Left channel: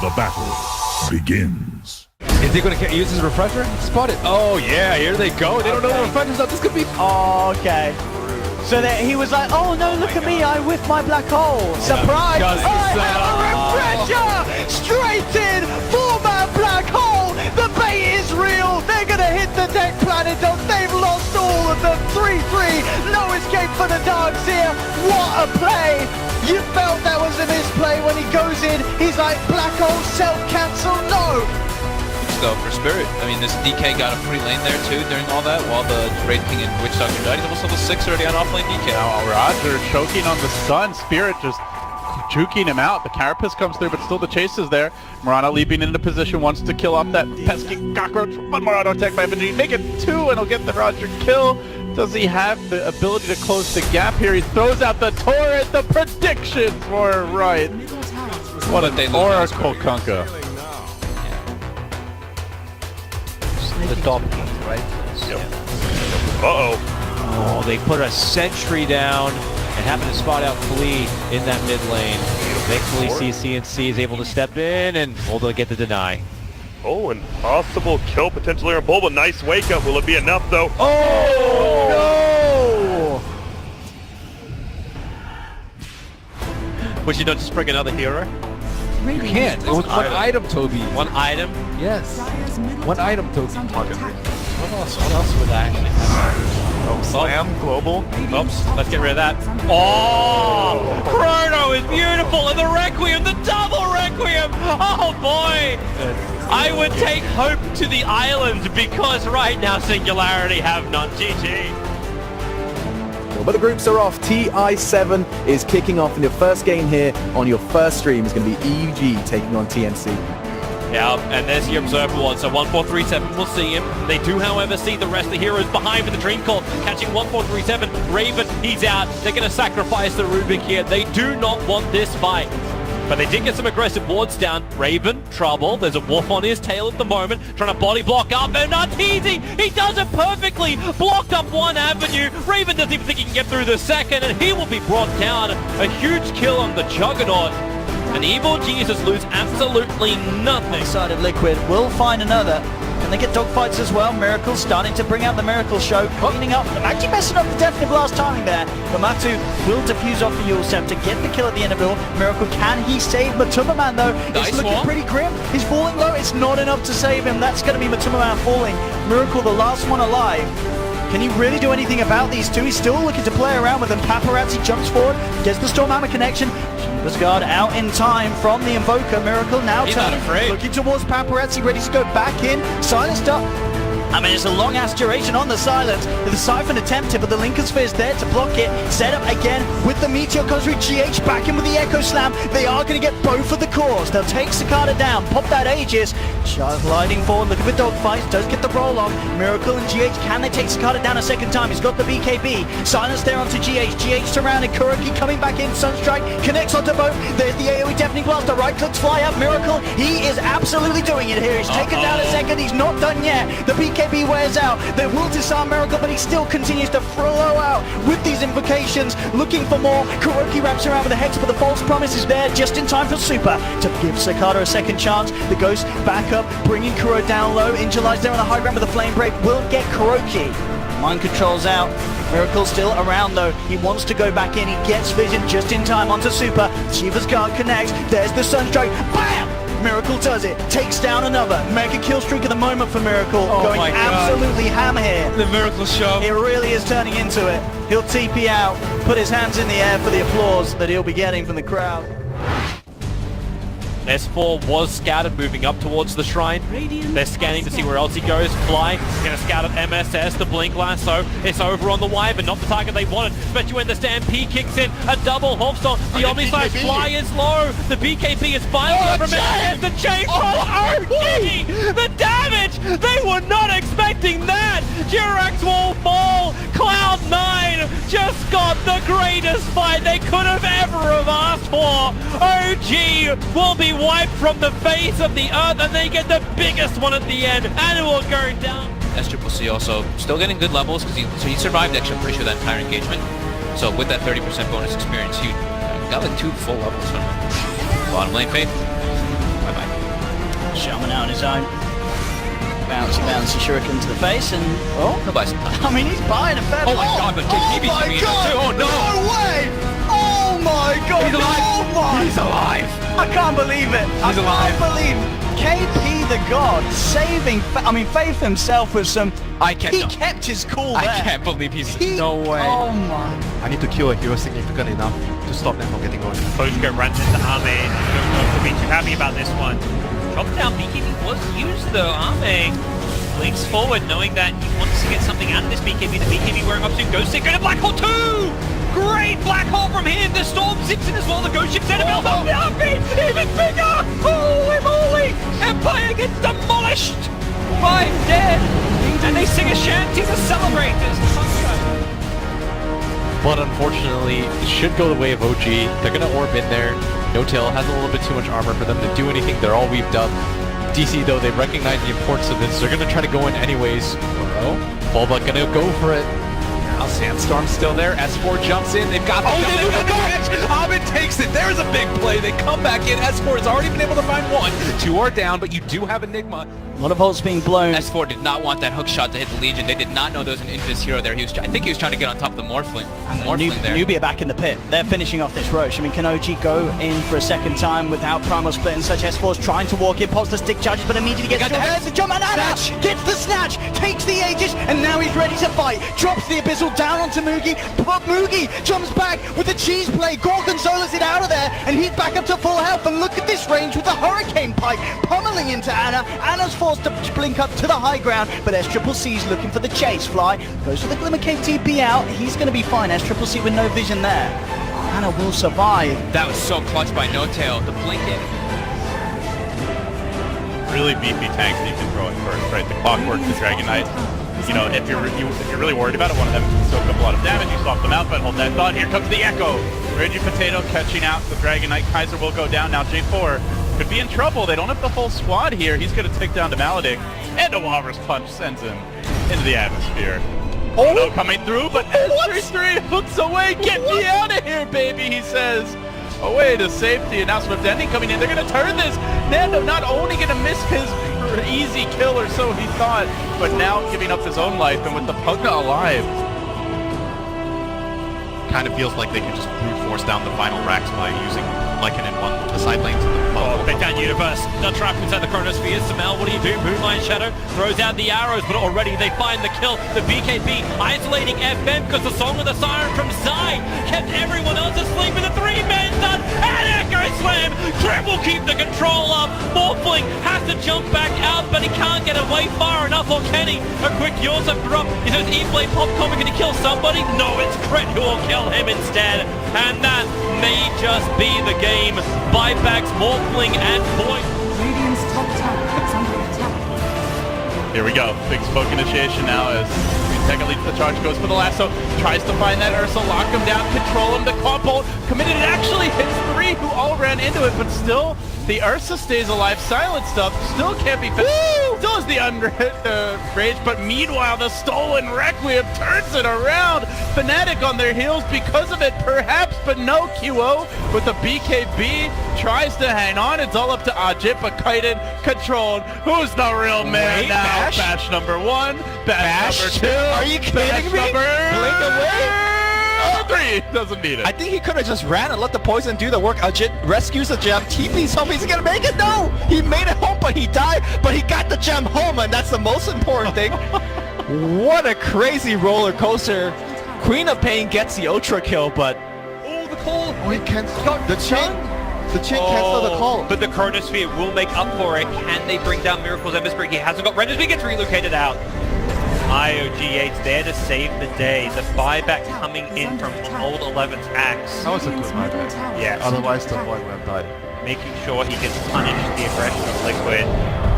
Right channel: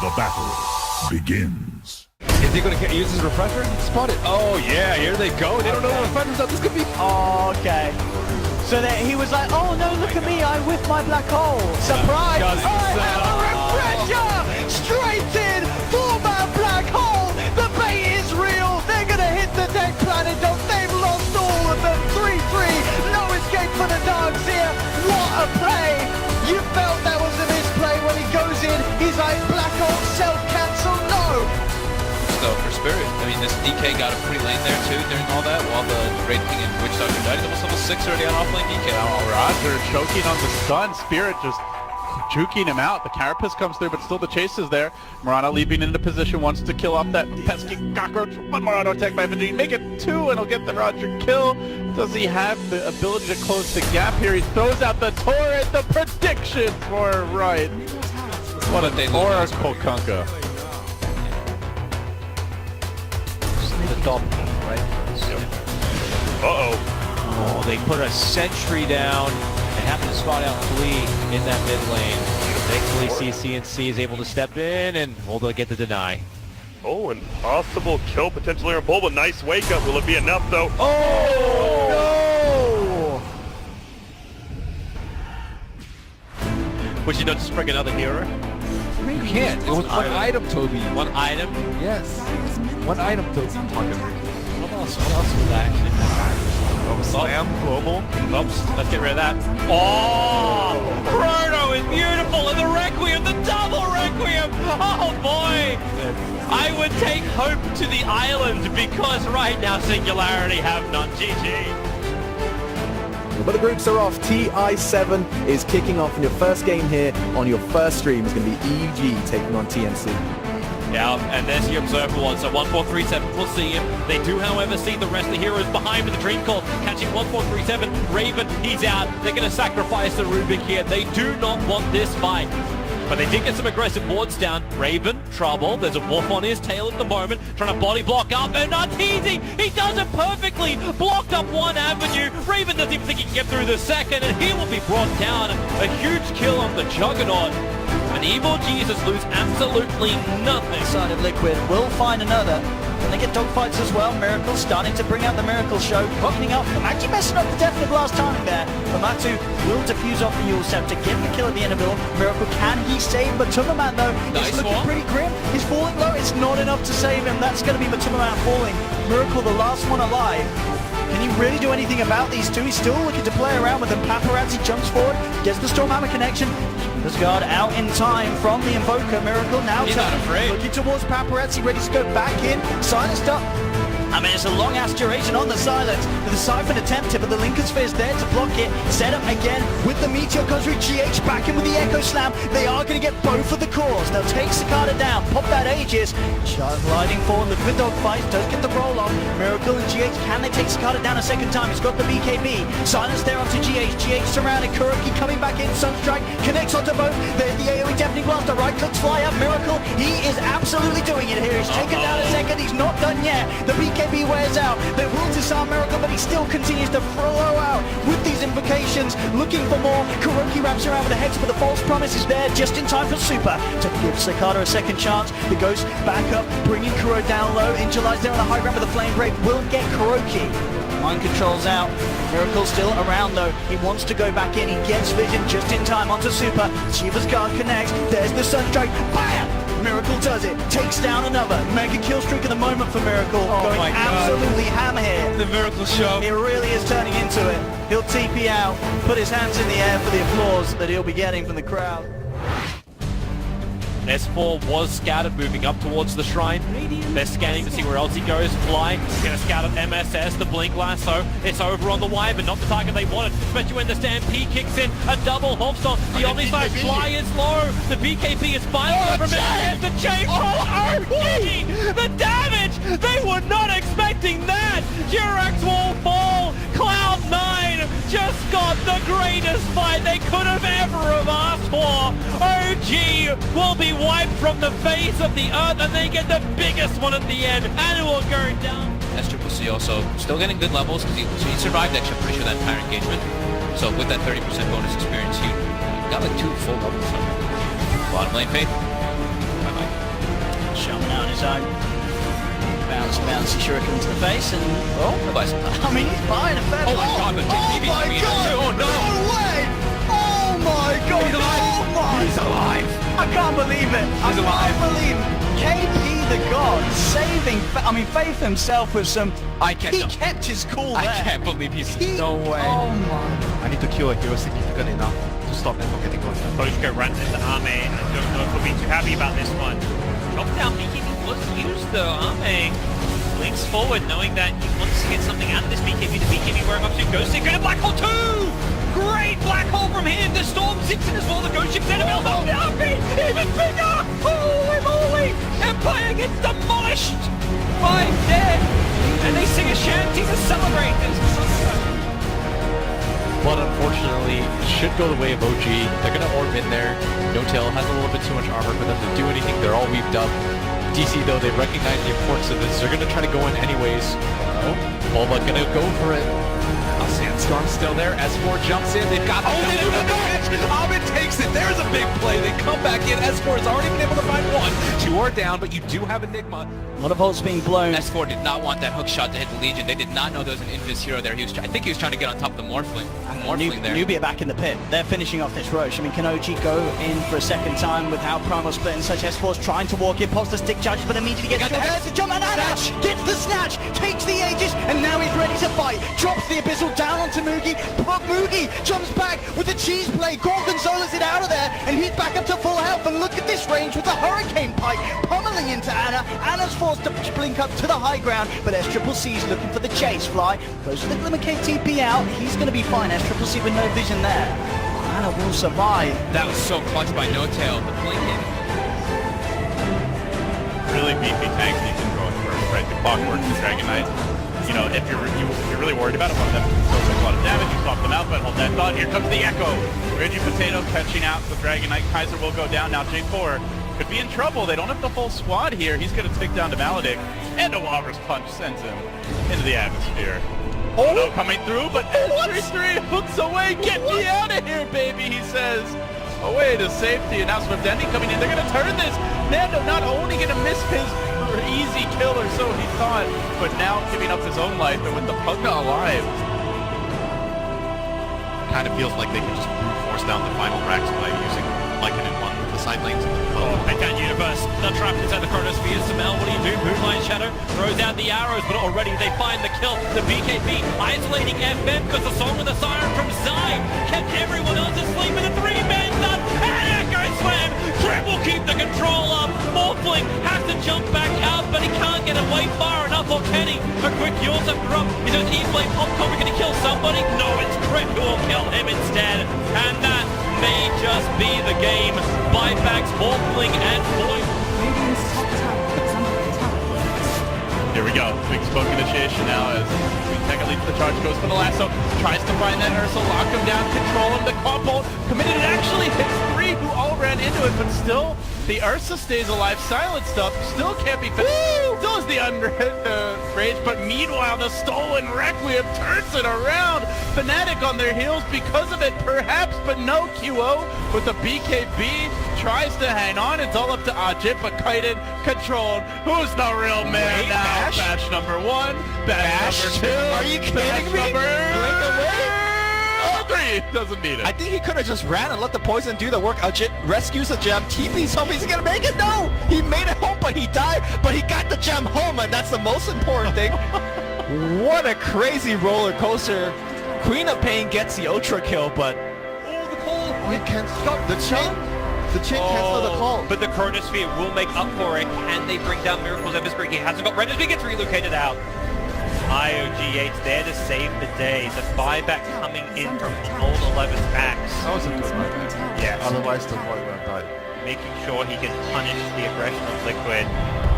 The battle begins. Is he going to use his refresher? Spot it. Oh, yeah, here they go. They don't know the refresher's up. This could be... Oh, okay. So that he was like, oh no, look at me, I whiffed my black hole. Surprise! I have a refresher! Straight in, 4-man black hole! The bait is real! They're gonna hit the deck planet, they've lost all of them! 3-3, no escape for the dogs here! What a play! You felt that was a misplay when he goes in, he's like, black hole, self-cancel, no! Though for Spirit, I mean, this DK got a free lane there too during all that, while the Raid King and Witch Doctor Dragon almost level 6 already on offlane DK. Now Roger choking on the stun, Spirit just juking him out. The Carapace comes through, but still the chase is there. Murano leaping into position, wants to kill off that pesky cockroach. One Murano attack by Veggie, make it 2 and he'll get the Roger kill. Does he have the ability to close the gap here? He throws out the turret, the prediction for right. What an Oracle Kunkka. The top, right? Oh, they put a sentry down and happen to spot out Flea in that mid lane. Thankfully, CNC is able to step in and they'll get the deny. Oh, and possible kill potentially on Bulba. Nice wake up. Will it be enough though? Oh, no! Would you not just bring another hero? You can't. It was one item, Toby. One item? Yes. One item, Toby. What else would that actually happen? Slam, global. Oops, let's get rid of that. Oh! Chrono is beautiful, and the Requiem, the double Requiem! Oh boy! I would take Hope to the island because right now Singularity have none. GG. But the groups are off. TI7 is kicking off in your first game here on your first stream. Is going to be EUG taking on TNC. Yeah, and there's the Observer one, so 1437 will see him. They do, however, see the rest of the heroes behind for the Dream Call, catching 1437. Raven, he's out. They're going to sacrifice the Rubik here. They do not want this fight. But they did get some aggressive wards down. Raven, trouble. There's a wolf on his tail at the moment, trying to body block up, and not easy. He does it perfectly. Blocked up one avenue. Raven doesn't even think he can get through the second, and he will be brought down. A huge kill on the Juggernaut. And Evil Jesus lose absolutely nothing. Side of Liquid will find another. Can they get dogfights as well? Miracle starting to bring out the Miracle Show. Cleaning up, actually messing up the Deafening Blast timing there. But Matu will defuse off the Yule Scepter, get the kill at the end of it all. Miracle, can he save Matuma Man though? It's looking pretty grim. He's falling low. It's not enough to save him. That's going to be Matuma Man falling. Miracle, the last one alive. Can he really do anything about these two? He's still looking to play around with them. Paparazzi jumps forward, gets the Stormhammer connection. Guard out in time from the Invoker. Miracle now turning, looking towards Paparazzi, ready to go back in. Silenced up. I mean, it's a long-ass duration on the silence. The Siphon attempted, but the Lincoln Sphere is there to block it. Set up again with the Meteor comes with GH back in with the Echo Slam. They are going to get both of the cores. They'll take Cicada down, pop that Aegis. Just gliding forward, looking with dogfights, does get the roll on. Miracle and GH, can they take Cicada down a second time? He's got the BKB. Silence there onto GH. GH surrounded. Kuroki coming back in. Sunstrike connects onto both. There's the AoE Deafening Blast. The right clicks fly up. Miracle, he is absolutely doing it here. He's taken down a second. He's not done yet. The BKB wears out. They will disarm Miracle, but he still continues to flow out with these invocations, looking for more. Kuroki wraps around with a hex, but the false promise is there just in time for Super to give Cicada a second chance. The Ghost back up, bringing Kuro down low. Angelize there on a high ground, but the Flame Brave will get Kuroki. Mind controls out. Miracle still around though. He wants to go back in. He gets vision just in time onto Super. Super's guard connects. There's the Sunstrike. Bam! Miracle does it, takes down another. Mega kill streak at the moment for Miracle. Going absolutely hammer here. The Miracle Show. It really is turning into it. He'll TP out, put his hands in the air for the applause that he'll be getting from the crowd. S4 was scouted moving up towards the shrine. They're scanning to see where else he goes. Flying. They're scouted MSS, the Blink Lasso. It's over on the wire, but not the target they wanted. Especially when the Stampede kicks in. A double Hawkstorm. The Omniside Fly is low. The BKB is fine from it. The chain the damage! They were not expecting that! Jirax will fall. Cloud9 just got the greatest fight they could have ever have asked for. OG will be wiped from the face of the earth, and they get the biggest one at the end. Animal going down. SCCC also still getting good levels because he survived actually, I'm pretty sure, that entire engagement. So with that 30% bonus experience, he got like 2 full levels from it. Bottom lane fade. Bye-bye. Shaman out on his own. Bounce the shuriken to the face, and well, Nobody's I mean, he's buying a fair. Oh my God, the oh my DB. God! Oh, no. way! Oh my God! He's alive. Oh my! He's alive. I can't believe it. I can't believe KP the God saving. I mean, Faith himself with some. He kept his cool there. I can't believe he's No way. Oh my. I need to kill a hero significant enough to stop them from getting going. Bosko runs into Arme. Don't know if we'll be too happy about this one. Drop down, BKB was used though. Arme links forward, knowing that he wants to get something out of this BKB. The BKB wearing up to Ghost Seeker and a Black Hole 2! Great Black Hole from him. The Storm 6 in as well. The Ghost Ship sent him out. Oh, Arme, even bigger! Holy moly! Empire gets demolished! 5 dead! And they sing a shanty to celebrate this. But unfortunately, it should go the way of OG. They're going to orb in there. No Tail has a little bit too much armor for them to do anything. They're all weaved up. DC, though, they recognize the importance of this. They're going to try to go in anyways. Bulba going to go for it. Sandstorm's still there. S4 jumps in. They've got the they got the catch. Hobbit takes it. There's a big play. They come back in. S4 has already been able to find one. 2 are down, but you do have Enigma. A lot of holes being blown. S4 did not want that hook shot to hit the Legion. They did not know there was an Invis hero there. I think he was trying to get on top of the Morphling. There. Nubia back in the pit. They're finishing off this Roche. I mean, can OG go in for a second time without Primal Split and such? S4's trying to walk in, pulls the stick charges, but immediately gets the head. Jump and snatch! Gets the snatch! Takes the Aegis, and now he's ready to fight. Drops the Abyssal down onto Mugi, but Mugi jumps back with the cheese play. Gorgonzola's it out of there, and he's back up to full health. And look at this range with the Hurricane Pipe pummeling into Ana. Ana's forced to blink up to the high ground, but SCCC's looking for the chase. Fly goes for the Glimmer KTP out. He's going to be fine. SCCC with no vision there. Ana will survive. That was so clutch by No Tail. The blinking. Really beefy tanks need to throw it first, right? The Clockwork and Dragon Knight. You know, if you're really worried about it, one of them can still take a lot of damage. You swap them out, but hold that thought. Here comes the Echo. Reggie Potato catching out the Dragon Knight. Kaiser will go down now. J4 could be in trouble. They don't have the full squad here. He's going to take down the Maledict. And a Walrus Punch sends him into the atmosphere. Oh, coming through, but S33 looks away. Get me out of here, baby, he says. Away to safety, and now Swiftending coming in. They're going to turn this. Nando not only going to miss his easy kill, or so he thought, but now giving up his own life, and with the Pugna alive. Kind of feels like they could just brute force down the final racks by using Lycan in one with the side lanes and the Oh, take down Universe. The trap inside the Chronosphere. Samel, what do you do? Moonlight Shadow throws out the arrows, but already they find the kill. The BKB isolating FM because the Song of the Siren from Zai kept everyone else asleep with a 3-man done. And Echo Slam! Trip will keep the control up. Morphling has to jump back out, but he can't get away far enough. Or can he? A quick Yawns up corrupt. Is it E-Blade Pop Comic? Can he kill somebody? No, it's Trip who will kill him instead. And that may just be the game. Buybacks, Morphling, and Void. Radiant's top tower is under attack. Here we go. Big smoke initiation now as Integra leads the charge, goes for the lasso, tries to find that Ursa, lock him down, control him. The Claw Bolt committed it. Actually hits 3 who all ran into it, but still the Ursa stays alive. Silent stuff still can't be finished. Still has the rage, but meanwhile the stolen Requiem turns it around. Fnatic on their heels because of it, perhaps, but no. QO with the BKB tries to hang on. It's all up to Ajit, but Kaiden controlled. Who's the real man now? Bash number 1, Bash number 2. Are you kidding me? Number Blink away? 3 doesn't need it. I think he could have just ran and let the poison do the work. Ajit rescues the gem. TP's home. He's gonna make it. No, he made it home, but he died. But he got the gem home, and that's the most important thing. What a crazy roller coaster. Queen of Pain gets the ultra kill, but The call. Oh, he can't stop the chain. The chain cancel the call. But the Chronosphere will make up for it. Can they bring down Miracle's Everspeed? He hasn't got Rendersby, gets relocated out. IOGH there to save the day. The buyback coming in from Old 11's axe. That was a good buyback. Yeah. Otherwise, the boy won't die. Making sure he can punish the aggression of Liquid.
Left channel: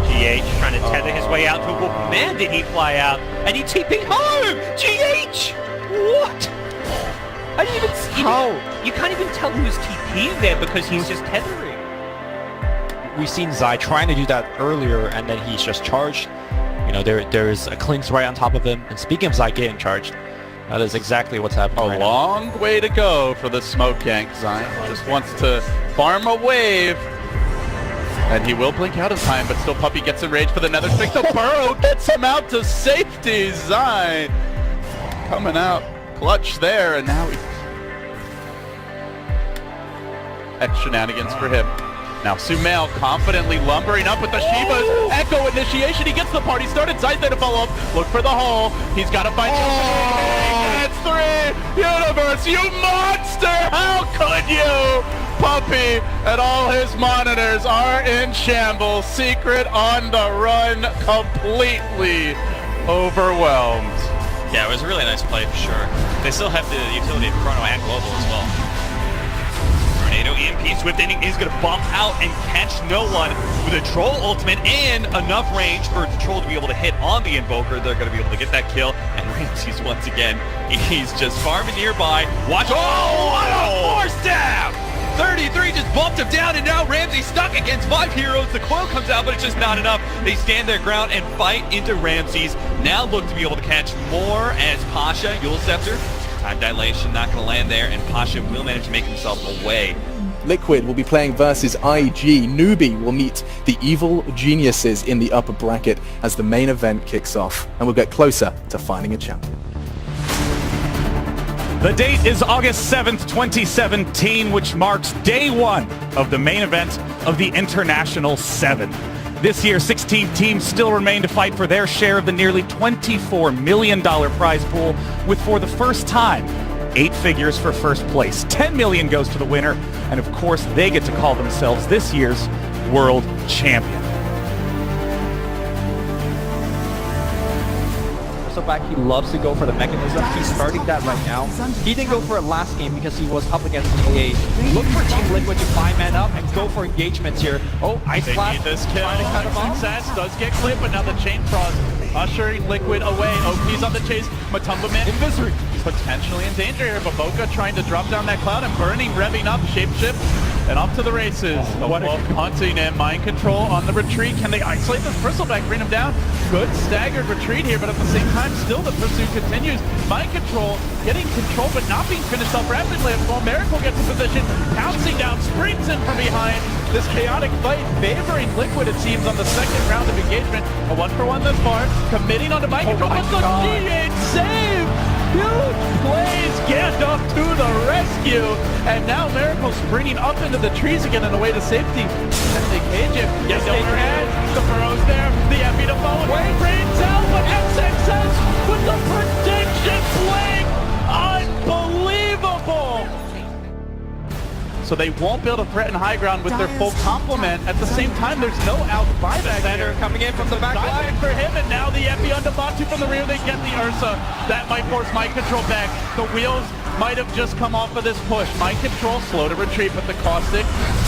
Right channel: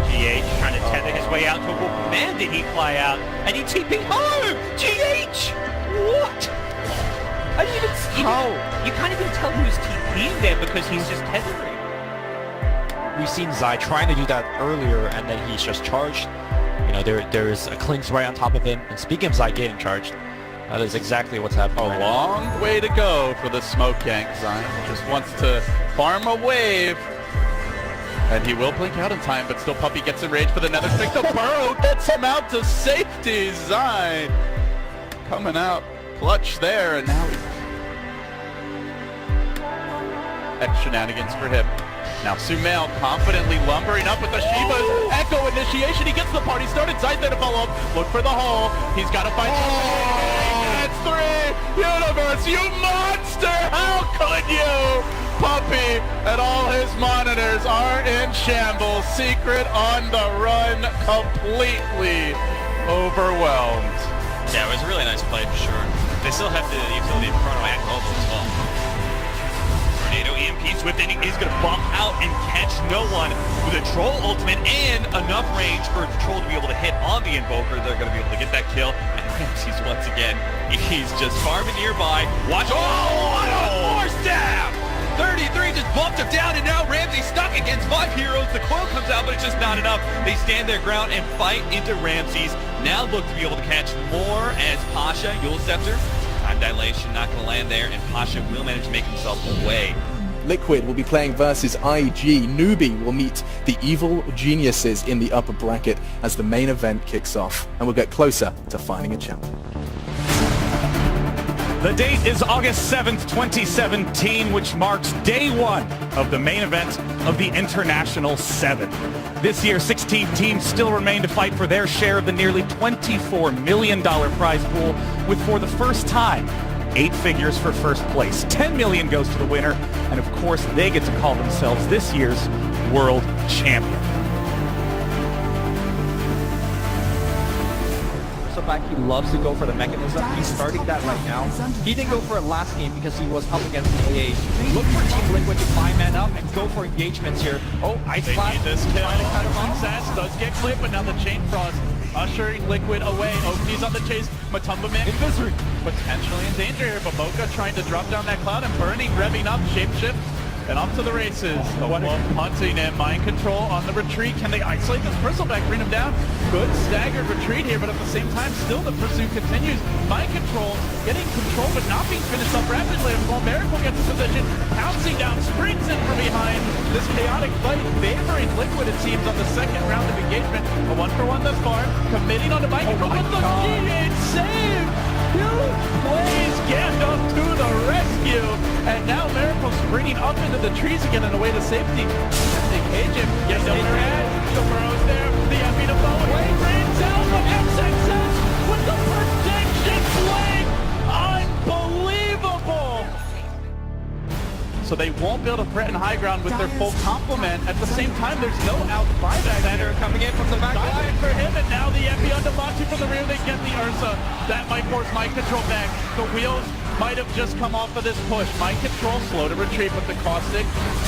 GH trying to tether his way out to a wolf. Man, did he fly out. And he TP'd home! GH! What? I didn't even see how. You can't even tell who's TP'ing there because he's just tethering. We've seen Zai trying to do that earlier, and then he's just charged. You know, there's a Clinks right on top of him. And speaking of Zai getting charged, that is exactly what's happening. A long way to go for the smoke gank. Zion just wants to farm a wave. And he will blink out in time, but still Puppey gets enraged for the nether stick. The burrow gets him out to safety. Zai coming out clutch there, and now X shenanigans for him. Now Sumail confidently lumbering up with the Shivas. Echo initiation. He gets the party started. Zai's there to follow up. Look for the hole. He's got to fight. That's 3. Universe, you monster! How could you? Puppey and all his monitors are in shambles. Secret on the run, completely overwhelmed. Yeah, it was a really nice play for sure. They still have the utility of Chrono and Global as well. Tornado EMP Swift Ending is going to bump out and catch no one with a Troll ultimate and enough range for the Troll to be able to hit on the Invoker. They're going to be able to get that kill. And Ramses, once again, he's just farming nearby. Watch. Oh, what a force stab! 33 just bumped him down, and now Ramsey stuck against 5 heroes. The coil comes out, but it's just not enough. They stand their ground and fight into Ramses. Now look to be able to catch more as Pasha, Yule Scepter. Time dilation not going to land there, and Pasha will manage to make himself away. Liquid will be playing versus IG. Newbie will meet the evil geniuses in the upper bracket as the main event kicks off, and we'll get closer to finding a champion. The date is August 7th, 2017, which marks day 1 of the main event of the International 7. This year, 16 teams still remain to fight for their share of the nearly $24 million prize pool, with for the first time, 8 figures for first place. $10 million goes to the winner, and of course, they get to call themselves this year's world champion. Back, he loves to go for the mechanism. He's starting that right now. He didn't go for it last game because he was up against the AAs. Look for Team Liquid to 5-man up and go for engagements here. Oh, Ice Blast. This kill. Success does get clipped, but now the Chain Frost ushering Liquid away. OP's on the chase. Matumba Man Invisory potentially in danger here, but Boca trying to drop down that cloud, and Burning revving up, shapeshift, and off to the races. The Wolf hunting and mind control on the retreat. Can they isolate this Bristleback, bring him down? Good staggered retreat here, but at the same time, still the pursuit continues. Mind control, getting control, but not being finished up rapidly. While Miracle gets a position, pouncing down, springs in from behind. This chaotic fight favoring Liquid, it seems, on the second round of engagement. A 1-for-1 thus far, committing on the mind control. What's the G8 save? Huge plays, Gandalf to the rescue, and now Miracle's springing up into the trees again on the way to safety. And they cage it, gets over head, the Burrow's there, the Epi to follow away, brings out the SXX with the prediction play, unbelievable! So they won't be able to threaten high ground with their full complement. At the same time, there's no out buyback here. Coming in from the back line for him, and now the Epi on Batu from the rear. They get the Ursa. That might force mind control back. The wheels might have just come off of this push. Mind control slow to retreat, but the Caustic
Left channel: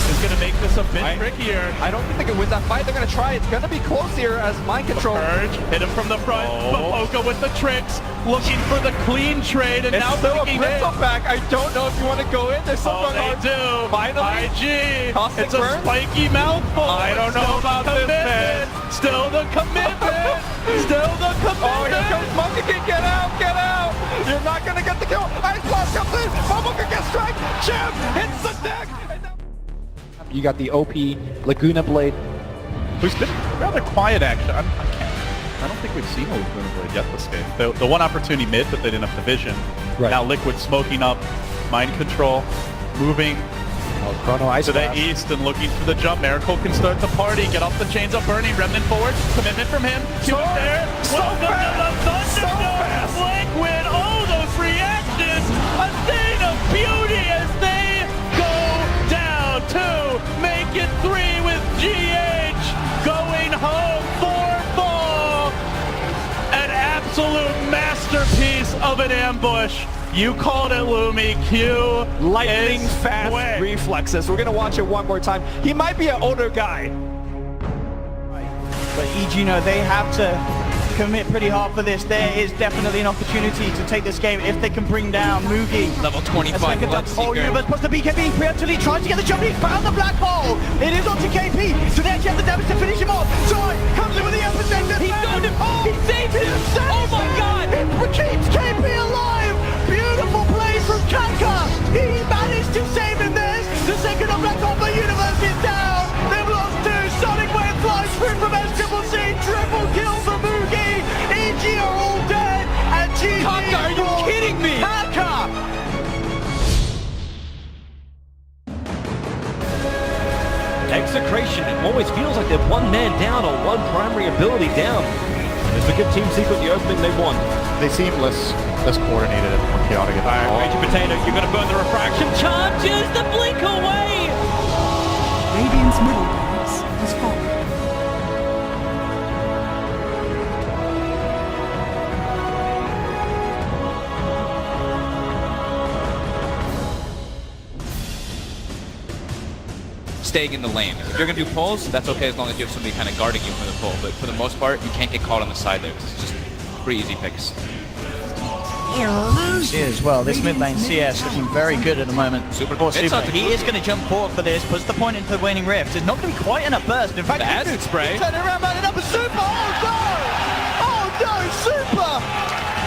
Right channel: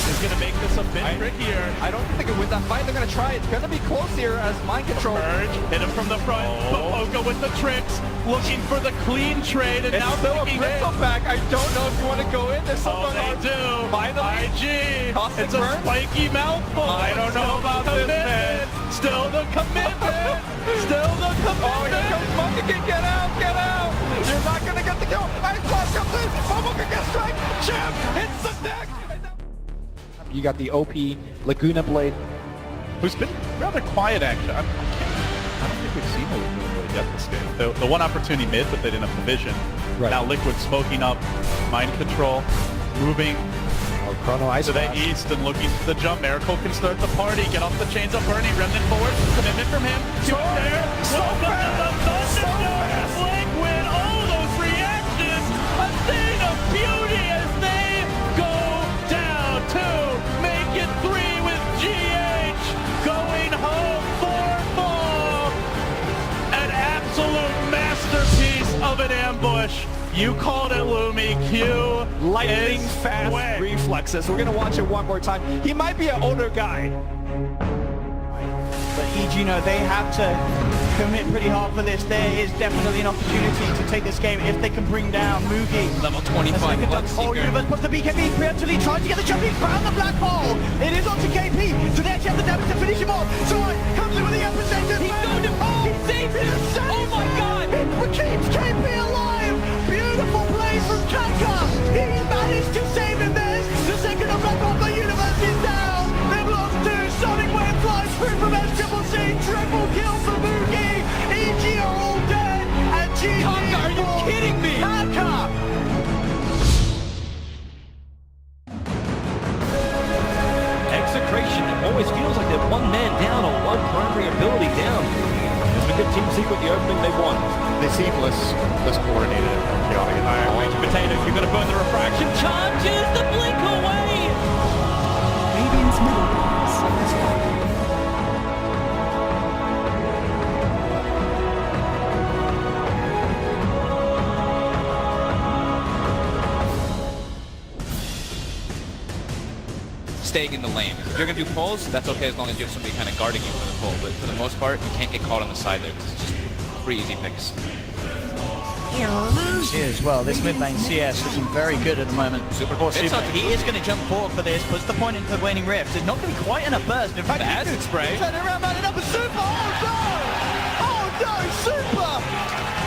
is going to make this a bit trickier. I don't think they can win that fight. They're going to try. It's going to be close here as mind control. Urge, hit him from the front. Boca with the tricks, looking for the clean trade, and now still a Bristleback. I don't know if you want to go in. There's something they do. Finally, IG. Caustic it's a burn? spiky mouthful. I don't know about this, man. Still the commitment. Still the commitment. Oh, here comes Monkey. Get out, get out. You're not going to get the kill. Ice Blast comes in. Monkey gets strike. Champ hits the deck. You got the OP Laguna Blade, who's been rather quiet, actually. I don't think we've seen a Laguna Blade yet this game. The one opportunity mid, but they didn't have the vision. Right. Now Liquid smoking up, mind control, moving Chrono Ice to the Blast. east and looking for the jump. Miracle can start the party, get off the chains of Burning, Remnant forward, commitment from him. So fast. Liquid, oh, those reactions, a thing of beauty as they go down 2, make it 3 with GH going home 4-4. An absolute masterpiece of an ambush. You called it, Lumi. Q. Lightning fast reflexes. We're going to watch it one more time. He might be an older guy. But EG, they have to commit pretty hard for this. There is definitely an opportunity to take this game if they can bring down Mugi. Level 25 Oh, Universe puts the BKB preemptively, trying to get the jump. He's found the black hole. It is onto KP, so they actually have the damage to finish him off. Joy comes in with the epicenter. He found him. Oh, he saved him. Oh my God. It keeps KP alive. Beautiful play from Kanka. He managed to save him this. The second of black hole, the Universe is down. They've lost 2 always feels like they're one man down or one primary ability down. It's a good team secret, the opening they won. They seem less coordinated and more chaotic. Range Potato, you're going to burn the refraction. Charges the blink away! Radiant's middle barracks has fallen. Staying in the lane. If you're going to do pulls, that's okay as long as you have somebody kind of guarding you for the pull. But for the most part, you can't get caught on the side there. It's just pretty easy picks. As well, this mid lane CS looking very good at the moment. Super. He is going to jump forward for this, puts the point into the waning rift. It's not going to be quite enough burst. In fact, the acid spray. Turn around, man, it up with Super. Oh no, Super!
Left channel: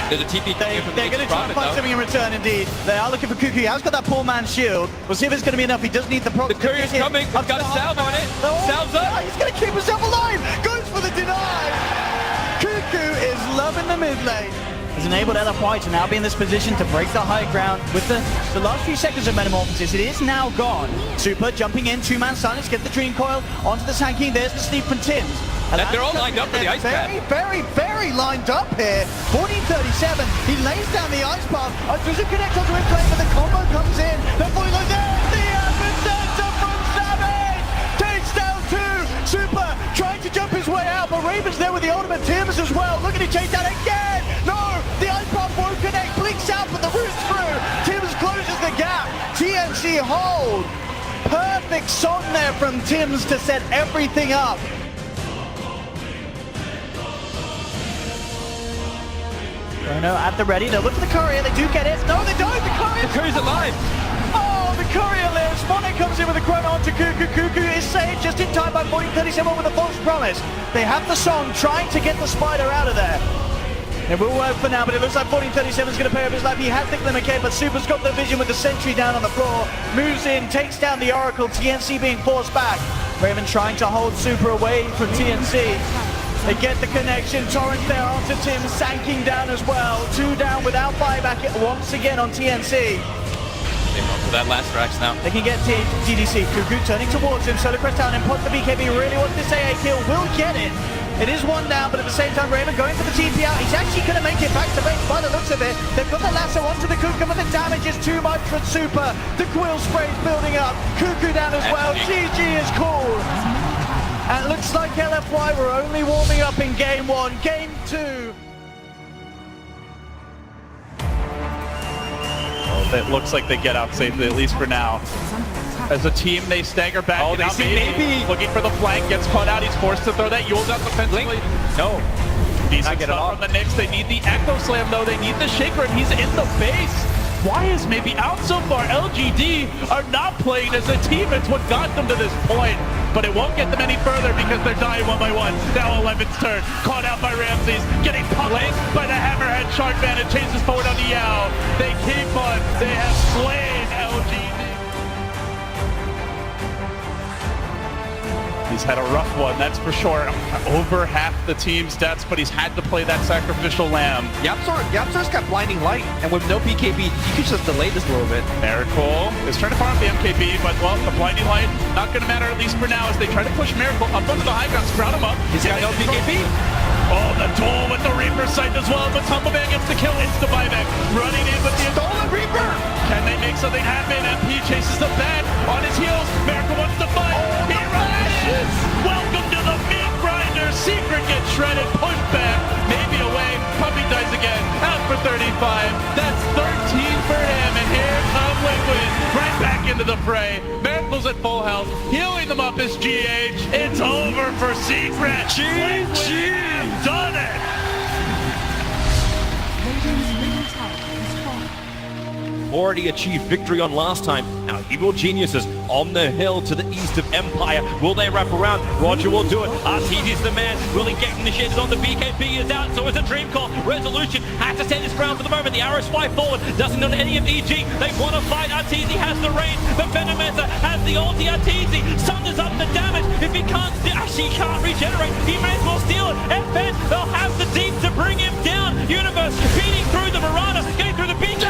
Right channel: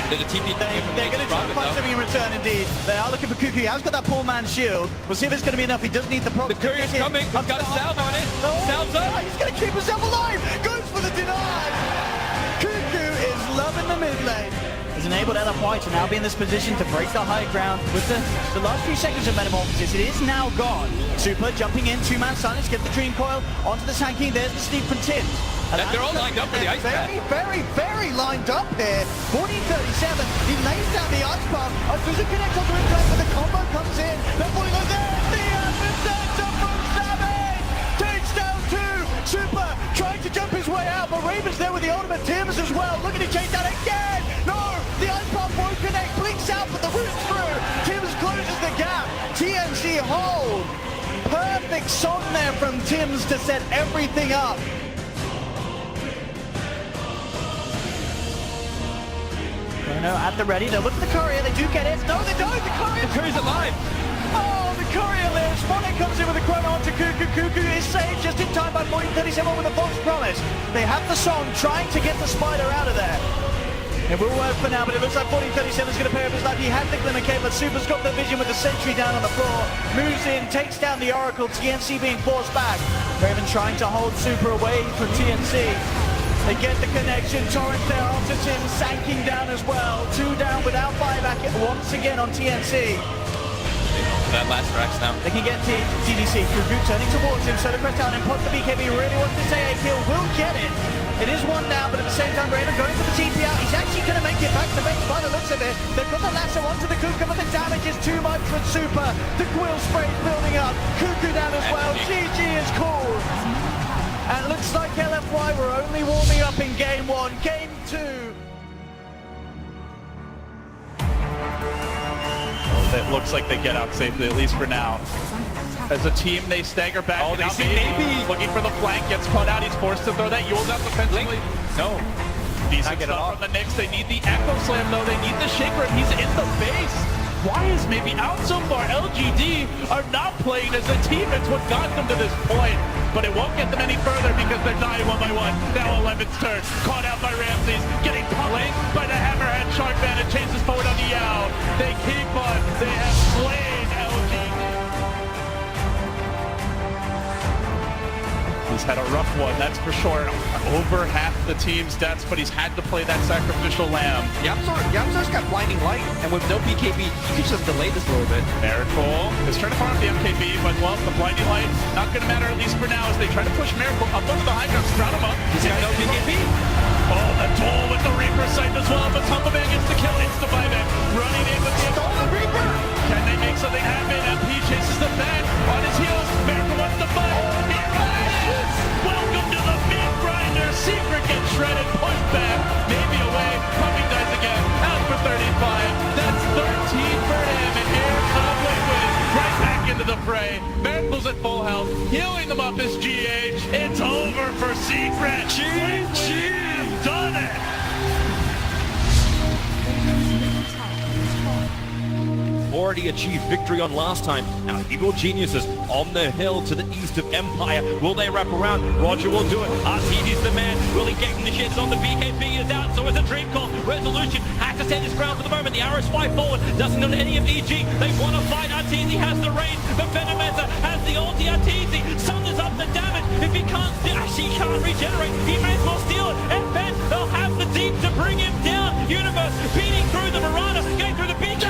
There's a TP coming from the They're going to try and find something in return, indeed. They are looking for Cuckoo. He has got that poor man's shield. We'll see if it's going to be enough. He does need the proc. The courier's coming. He's got a salve on it. Salve's up. He's going to keep himself alive. Goes for the deny. Cuckoo is loving the mid lane. Has enabled Ella White to now be in this position to break the high ground with the last few seconds of Metamorphosis. It is now gone. Super jumping in, two-man silence, get the Dream Coil onto the Sand King. There's the Steve from Tim. And they're all lined up for the ice path. Very lined up here. 14:37. He lays down the ice path. Does it connect onto his lane, but the combo comes in. The boy goes there. The Adversary from Savage takes down two. Super trying to jump his way out, but Raven's there with the ultimate. Tims as well. Look at him chase down again. No, the ice path won't connect. Blinks out, but the root's through. Tims closes the gap. TNC hold. Perfect song there from Tims to set everything up. No, at the ready. They look for the courier. They do get it. No, they don't. The courier's alive. Oh, the courier lives. Monet comes in with a chrono onto Cuckoo. Cuckoo is saved just in time by 14:37 with a false promise. They have the song trying to get the spider out of there. It will work for now, but it looks like 14:37 is going to pay off his life. He had the Glimmer Cape, but Super's got the vision with the sentry down on the floor. Moves in, takes down the Oracle. TNC being forced back. Raven trying to hold Super away from TNC. They get the connection. Torrent there onto Tim, Sanking down as well. Two down without buyback once again on TNC. For that last Rax now. They can get TDC. Cuckoo turning towards him. Solar Crest down and pot the BKB. Really wants this AA kill. Will get it. It is one down, but at the same time, Raven going for the TP out. He's actually going to make it back to base by the looks of it. They've got the lasso onto the Cuckoo, but the damage is too much for Super. The Quill spray's building up. Cuckoo down as well. GG is cool. And it looks like LFY were only warming up in game one. Game two. It looks like they get out safely, at least for now. As a team, they stagger back. Oh, they see maybe looking for the flank, gets caught out. He's forced to throw that Yule down defensively. No. He's get it off on the Knicks. They need the Echo Slam, though. They need the Shaker, and he's in the base. Why is maybe out so far? LGD are not playing as a team. It's what got them to this point. But it won't get them any further because they're dying one by one. Now 11's turn. Caught out by Ramses. Getting pummeled by the Hammerhead Shark Man. It chases forward on the Yow. They keep on. They have slain LGD. He's had a rough one, that's for sure. Over half the team's deaths, but he's had to play that sacrificial lamb. Yamsor's got blinding light, and with no BKB, he keeps us delayed this a little bit. Miracle is trying to farm the MKB, but well, the blinding light not going to matter, at least for now, as they try to push Miracle up onto the high ground, sprout him up. He's got no BKB. Oh, the duel with the Reaper sight as well, but Tumbleman gets the kill, it's the buyback. Running in with the stolen Reaper. Can they make something happen? MP chases the bat on his heels. Miracle wants to fight. Welcome to the Meat Grinder. Secret gets shredded, pushed back, maybe away. Puppy dies again, out for 35. That's 13 for him, and here comes Liquid right back into the fray. Miracle's at full health, healing them up is GH. It's over for Secret. GG, done it. Already achieved victory on last time. Our evil geniuses on the hill to the east of Empire. Will they wrap around? Roger will do it. RTV's the man. Really getting the shits on. The BKB is out, so it's a dream call. Resolution has to stand his ground for the moment. The arrows fly forward. Doesn't go to any of EG. They want to fight. RTZ has the range. The Venomeza has the ulti. RTZ sunders up the damage. If he can't, actually he can't regenerate. He may as well steal it. And then they'll have the deep to bring him down. Universe beating through the Mirana, getting through the beach.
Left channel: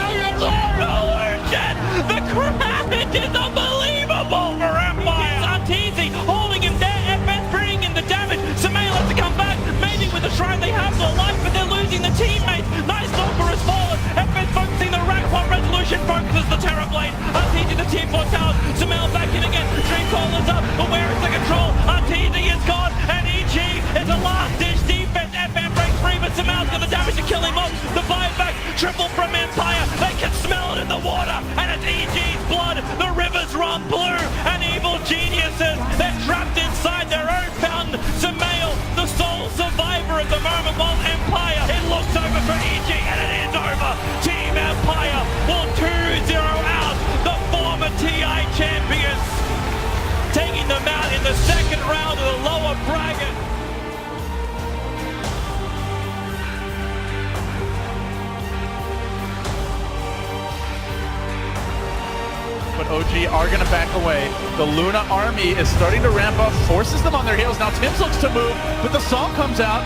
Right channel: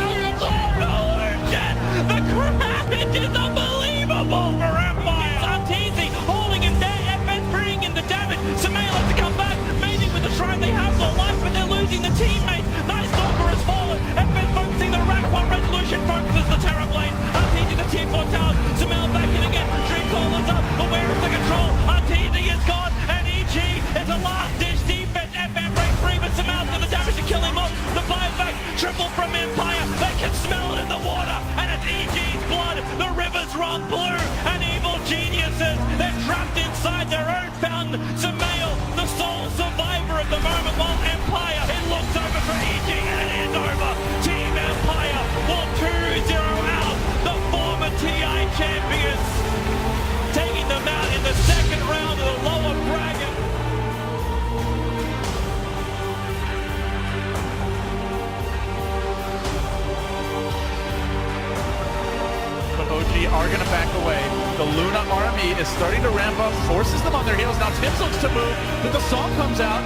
The crowd is unbelievable for Empire. Arteezy holding him down. on blue and evil geniuses. They're trapped inside their own fountain. Samael, the sole survivor at the moment, while Empire, it looks over for EG and it is over. Team Empire will 2-0 out. The former TI champions taking them out in the second round of the lower bracket. But OG are going to back away. The Luna army is starting to ramp up, forces them on their heels. Now Tibbs looks to move, but the song comes out.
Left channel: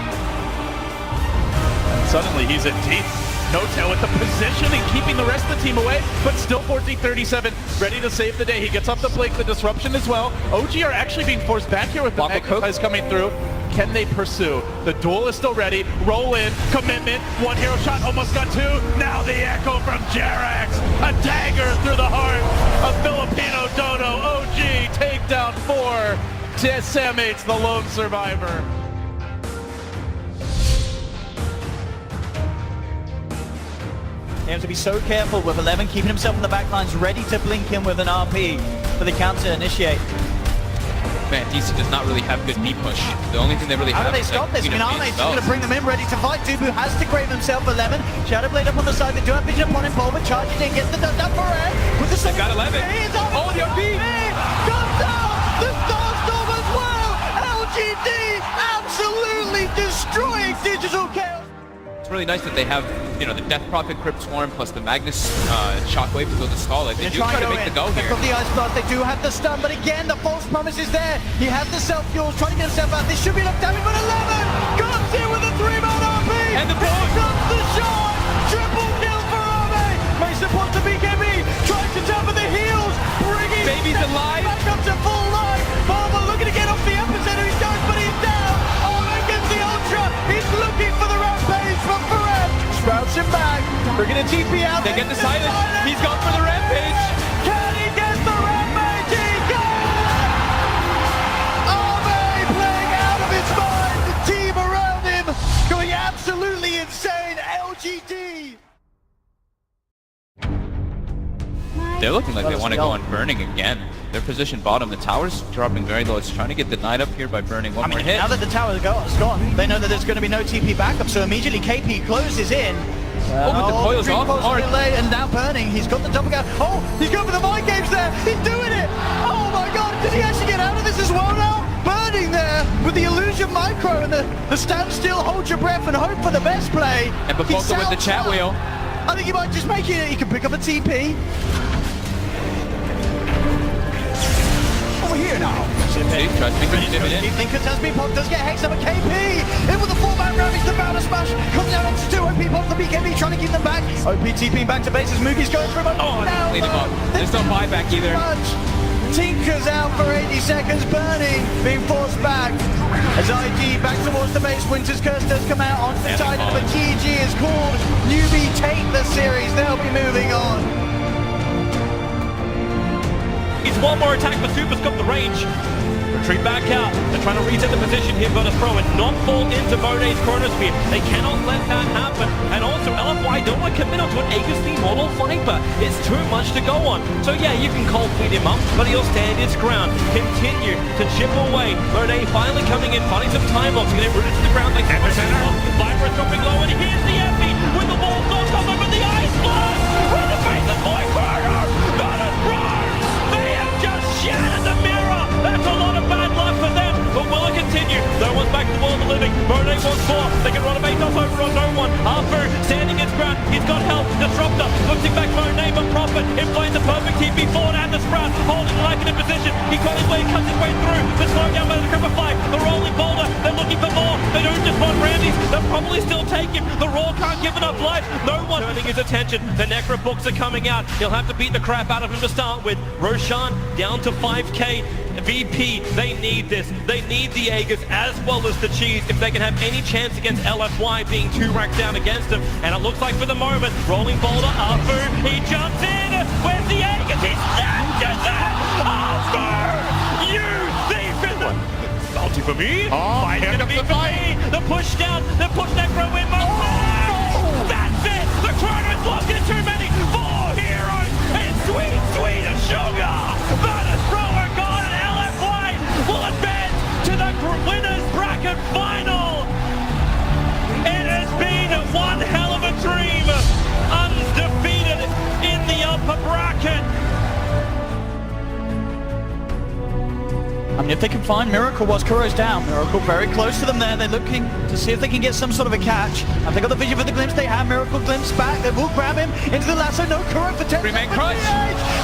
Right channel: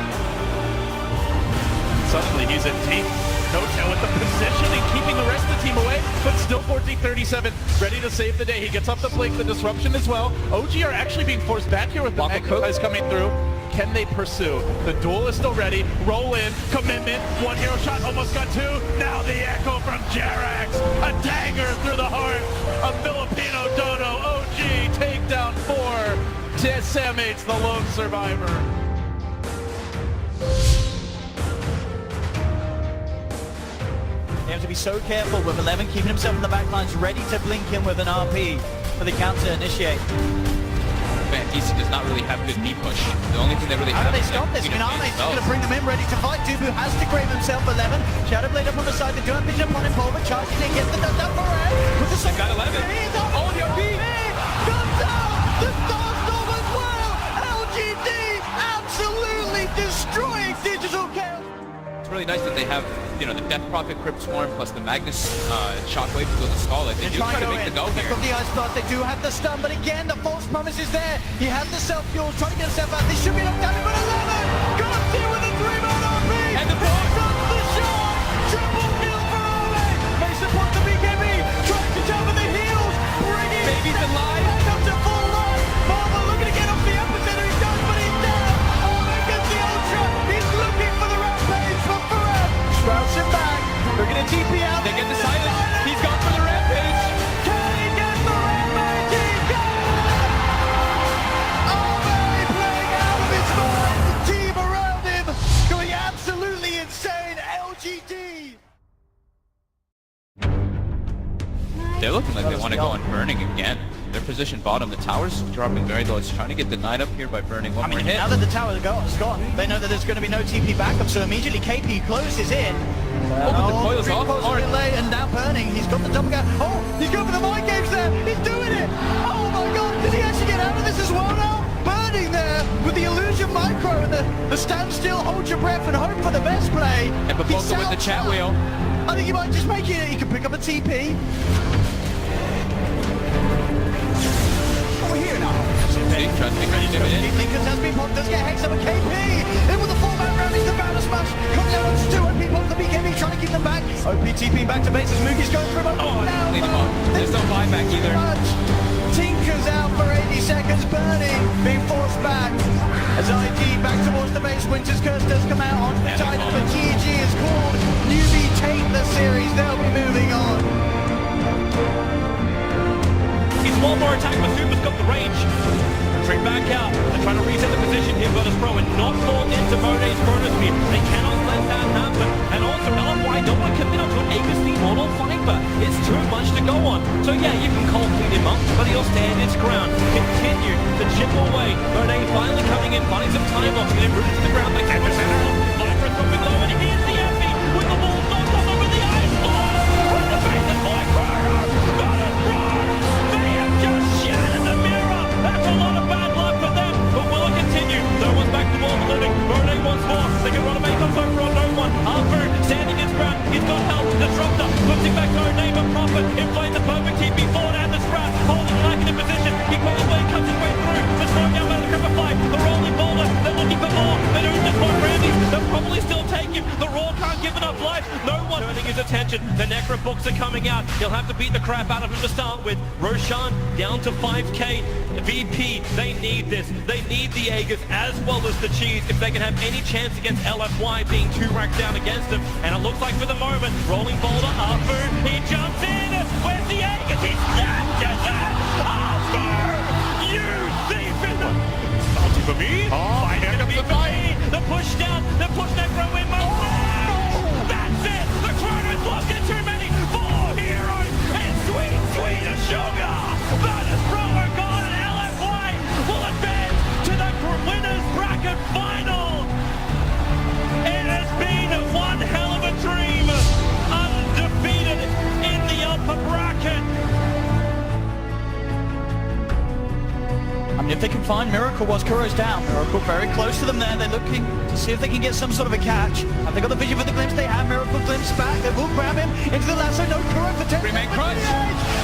And suddenly he's in deep. No-tail with the position and keeping the rest of the team away, but still 14-37, ready to save the day. He gets up the plate, the disruption as well. OG are actually being forced back here with the Magnifies coming through. Can they pursue? The duel is still ready. Roll in, commitment, one hero shot, almost got two. Now the echo from Jerax, a dagger through the heart of Filipino Dodo. OG takedown 4. Decimates the lone survivor. You have to be so careful with 11 keeping himself in the back lines, ready to blink in with an RP for the counter initiate. Man, DC does not really have good knee push. The only thing they really How have do they is stop this? Miname's going to bring them in, ready to fight. Dubu has to grave himself 11. Shadowblade up on the side. They do have vision upon him. Pulver charge. They get the done for it. With the second. Got 11. Oh, the RP. Comes out. The Starstorm as well. LGD absolutely destroying Digital Chaos. It's really nice that they have, you know, the Death Prophet Crypt Swarm plus the Magnus Shockwave to go to stall it. They do try to make the go here. From the IceFrog, they do have the stun, but again, the false promise is there. He has the self-fuel, trying to get himself out. They should be locked down, but 11 comes in with a 3-man RP. And the ball comes the shot. Triple nil for Arme. Makes the point to BKB. Tries to jump at the heels. Bringing Baby's alive. Back up to full line. Barber looking to get off the epicenter. He goes, but he's down. Arme gets the ultra. He's looking for the rampage from Varien. Sprouts him back. Looking at TP out. They get the silence. He's gone for the rampage. Can he get the rampage? He can! Arme playing out of his mind. The team around him going absolutely insane. LGD. They're looking like they want to go on burning again. Their position bottom. The tower's dropping very low. It's trying to get denied up here by burning. One more hit. Now that the tower is gone, they know that there's going to be no TP backup, so immediately KP closes in. But the coil's off. And now burning. He's got the double gap. Oh, he's going for the mind games there. He's doing it. Oh my god, did he actually get out of this as well now? Burning there with the illusion micro and the stand still, hold your breath and hope for the best play. And Baboka with the chat wheel. I think he might just make it. He can pick up a TP. Over here now. Lincoln has been popped, does get Hex up a KP. In with the 4-man rally, the banner smash. Coming out onto 2 OP pop, the BKB trying to keep them back. OP TP back to base, his movie's going for him. Oh, now, leave him on. There's no buyback either. Tinker's out for 80 seconds, burning, being forced back. As IG back towards the base, Winter's Curse does come out on the title, but GG is called. Newbie take the series, they'll be moving on. He's one more attack, but Super's got the range. Retreat back out. They're trying to reset the position here. Got to throw it, not fall into Monet's chronosphere. They cannot let that happen. And also, LFY don't want to commit onto an Aegis Mortal Viper. It's too much to go on. So yeah, you can cold feed him up, but he'll stand his ground. Continue to chip away. Monet finally coming in, finding some time off, and then roots to the ground. They take it out. Viper dropping low, and here's the empty with the ball knocked up with the ice. From the face of Boy Fire. Not a cross. Shattered the mirror! That's a lot of bad luck for them, but will it continue? No one's back to all the living. Monet wants more. They can run a base over on no one. Arthur standing his ground. He's got help. Disruptor puts him back Monet, but Prophet inflates a perfect TP forward and the Sprat holding like in a position. He can't wait, cuts his way through. The slowing down by the Cripper 5. The rolling boulder. They're looking for more. They don't just want Randy's. They'll probably still take him. The Raw can't give enough life. No one turning his attention. The Necro books are coming out. He'll have to beat the crap out of him to start with. Roshan down to 5k. VP, they need this. They need the Aegis as well as the cheese if they can have any chance against LFY being 2 racks down against them. And it looks like for the moment, rolling boulder, Arthur, he jumps in. Where's the Aegis? It's Arthur! You thief! Salty for me. Oh, here comes the fight. The push down, the push that throw in. Oh, that's it. The Chrono's lost in too many. 4 heroes and sweet, sweet sugar. if they can find Miracle whilst Kuro's down. Miracle very close to them there. They're looking to see if they can get some sort of a catch. Have they got the vision for the glimpse? They have. Miracle glimpse back. They will grab him into the lasso. No Kuro for 10 seconds.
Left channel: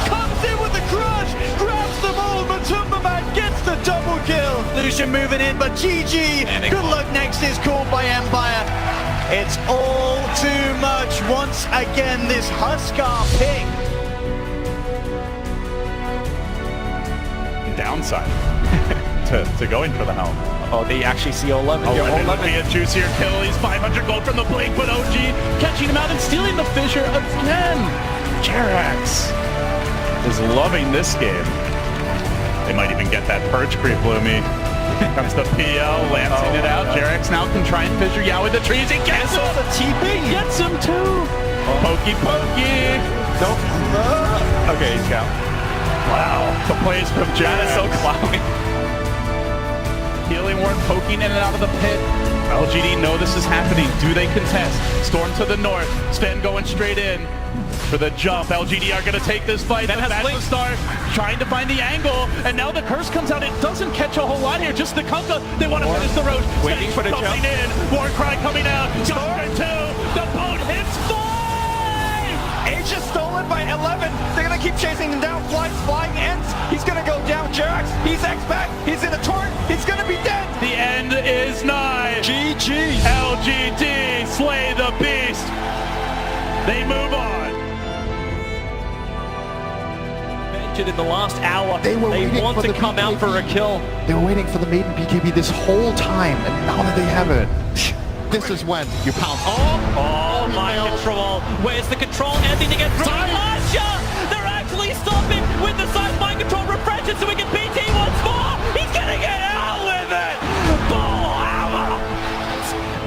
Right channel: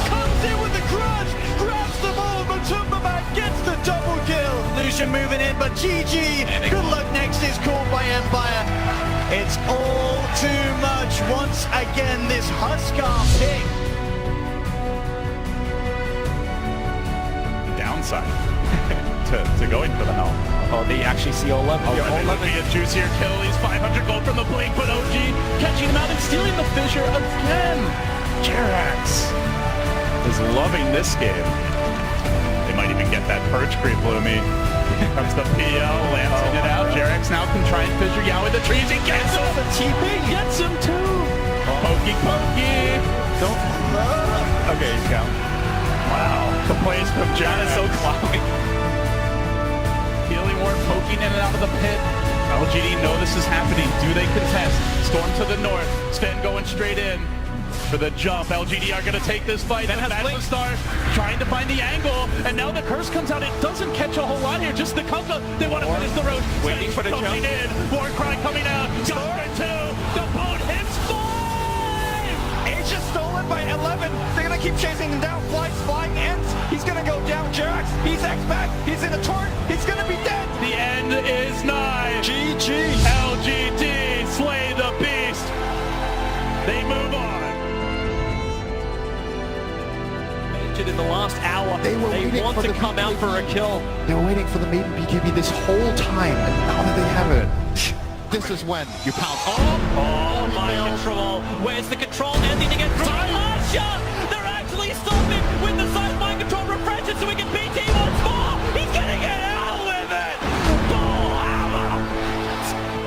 Comes in with the clutch. Grabs the ball. Matumba Man gets the double kill. Lucian moving in, but GG. Good luck next is called by Empire. It's all too much once again, this Huskar pick. Downside to going for the helm. Oh, they actually see 11. Looking at juicier kill. He's 500 gold from the blink, but OG catching him out and stealing the Fissure again. Jerax is loving this game. They might even get that Purge creep, Bloomy. Here comes the PL, lancing it out. Jerax now can try and Fissure Yao with the trees. He gets him. The TP Gets him too. Pokey. Okay, he's down. Wow. The plays from Jana so cloudy. Healing Ward poking in and out of the pit. LGD know this is happening. Do they contest? Storm to the north. Sven going straight in for the jump. LGD are going to take this fight. That's the start. Trying to find the angle. And now the curse comes out. It doesn't catch a whole lot here. Just the Kunkka. They want to finish the road. Waiting for the jump. In. Warcry coming out. Storm 2. The boat hits 5. It's just stolen by 11. They're going to keep chasing him down. Flying ends. He's going to go down. Jerax. He's X-back. He's in a torrent. He's going to be dead. The end is nigh. GG. LGD slay the beast. They move on. In the last hour, They want to come out for a kill. They were waiting for the maiden BKB this whole time, and now that they have it, this is when you pounce. Oh my control. Where's the control? Ending to get through. Asha! They're actually stopping with the side mind control refreshes so we can BT once more. He's gonna get out with it.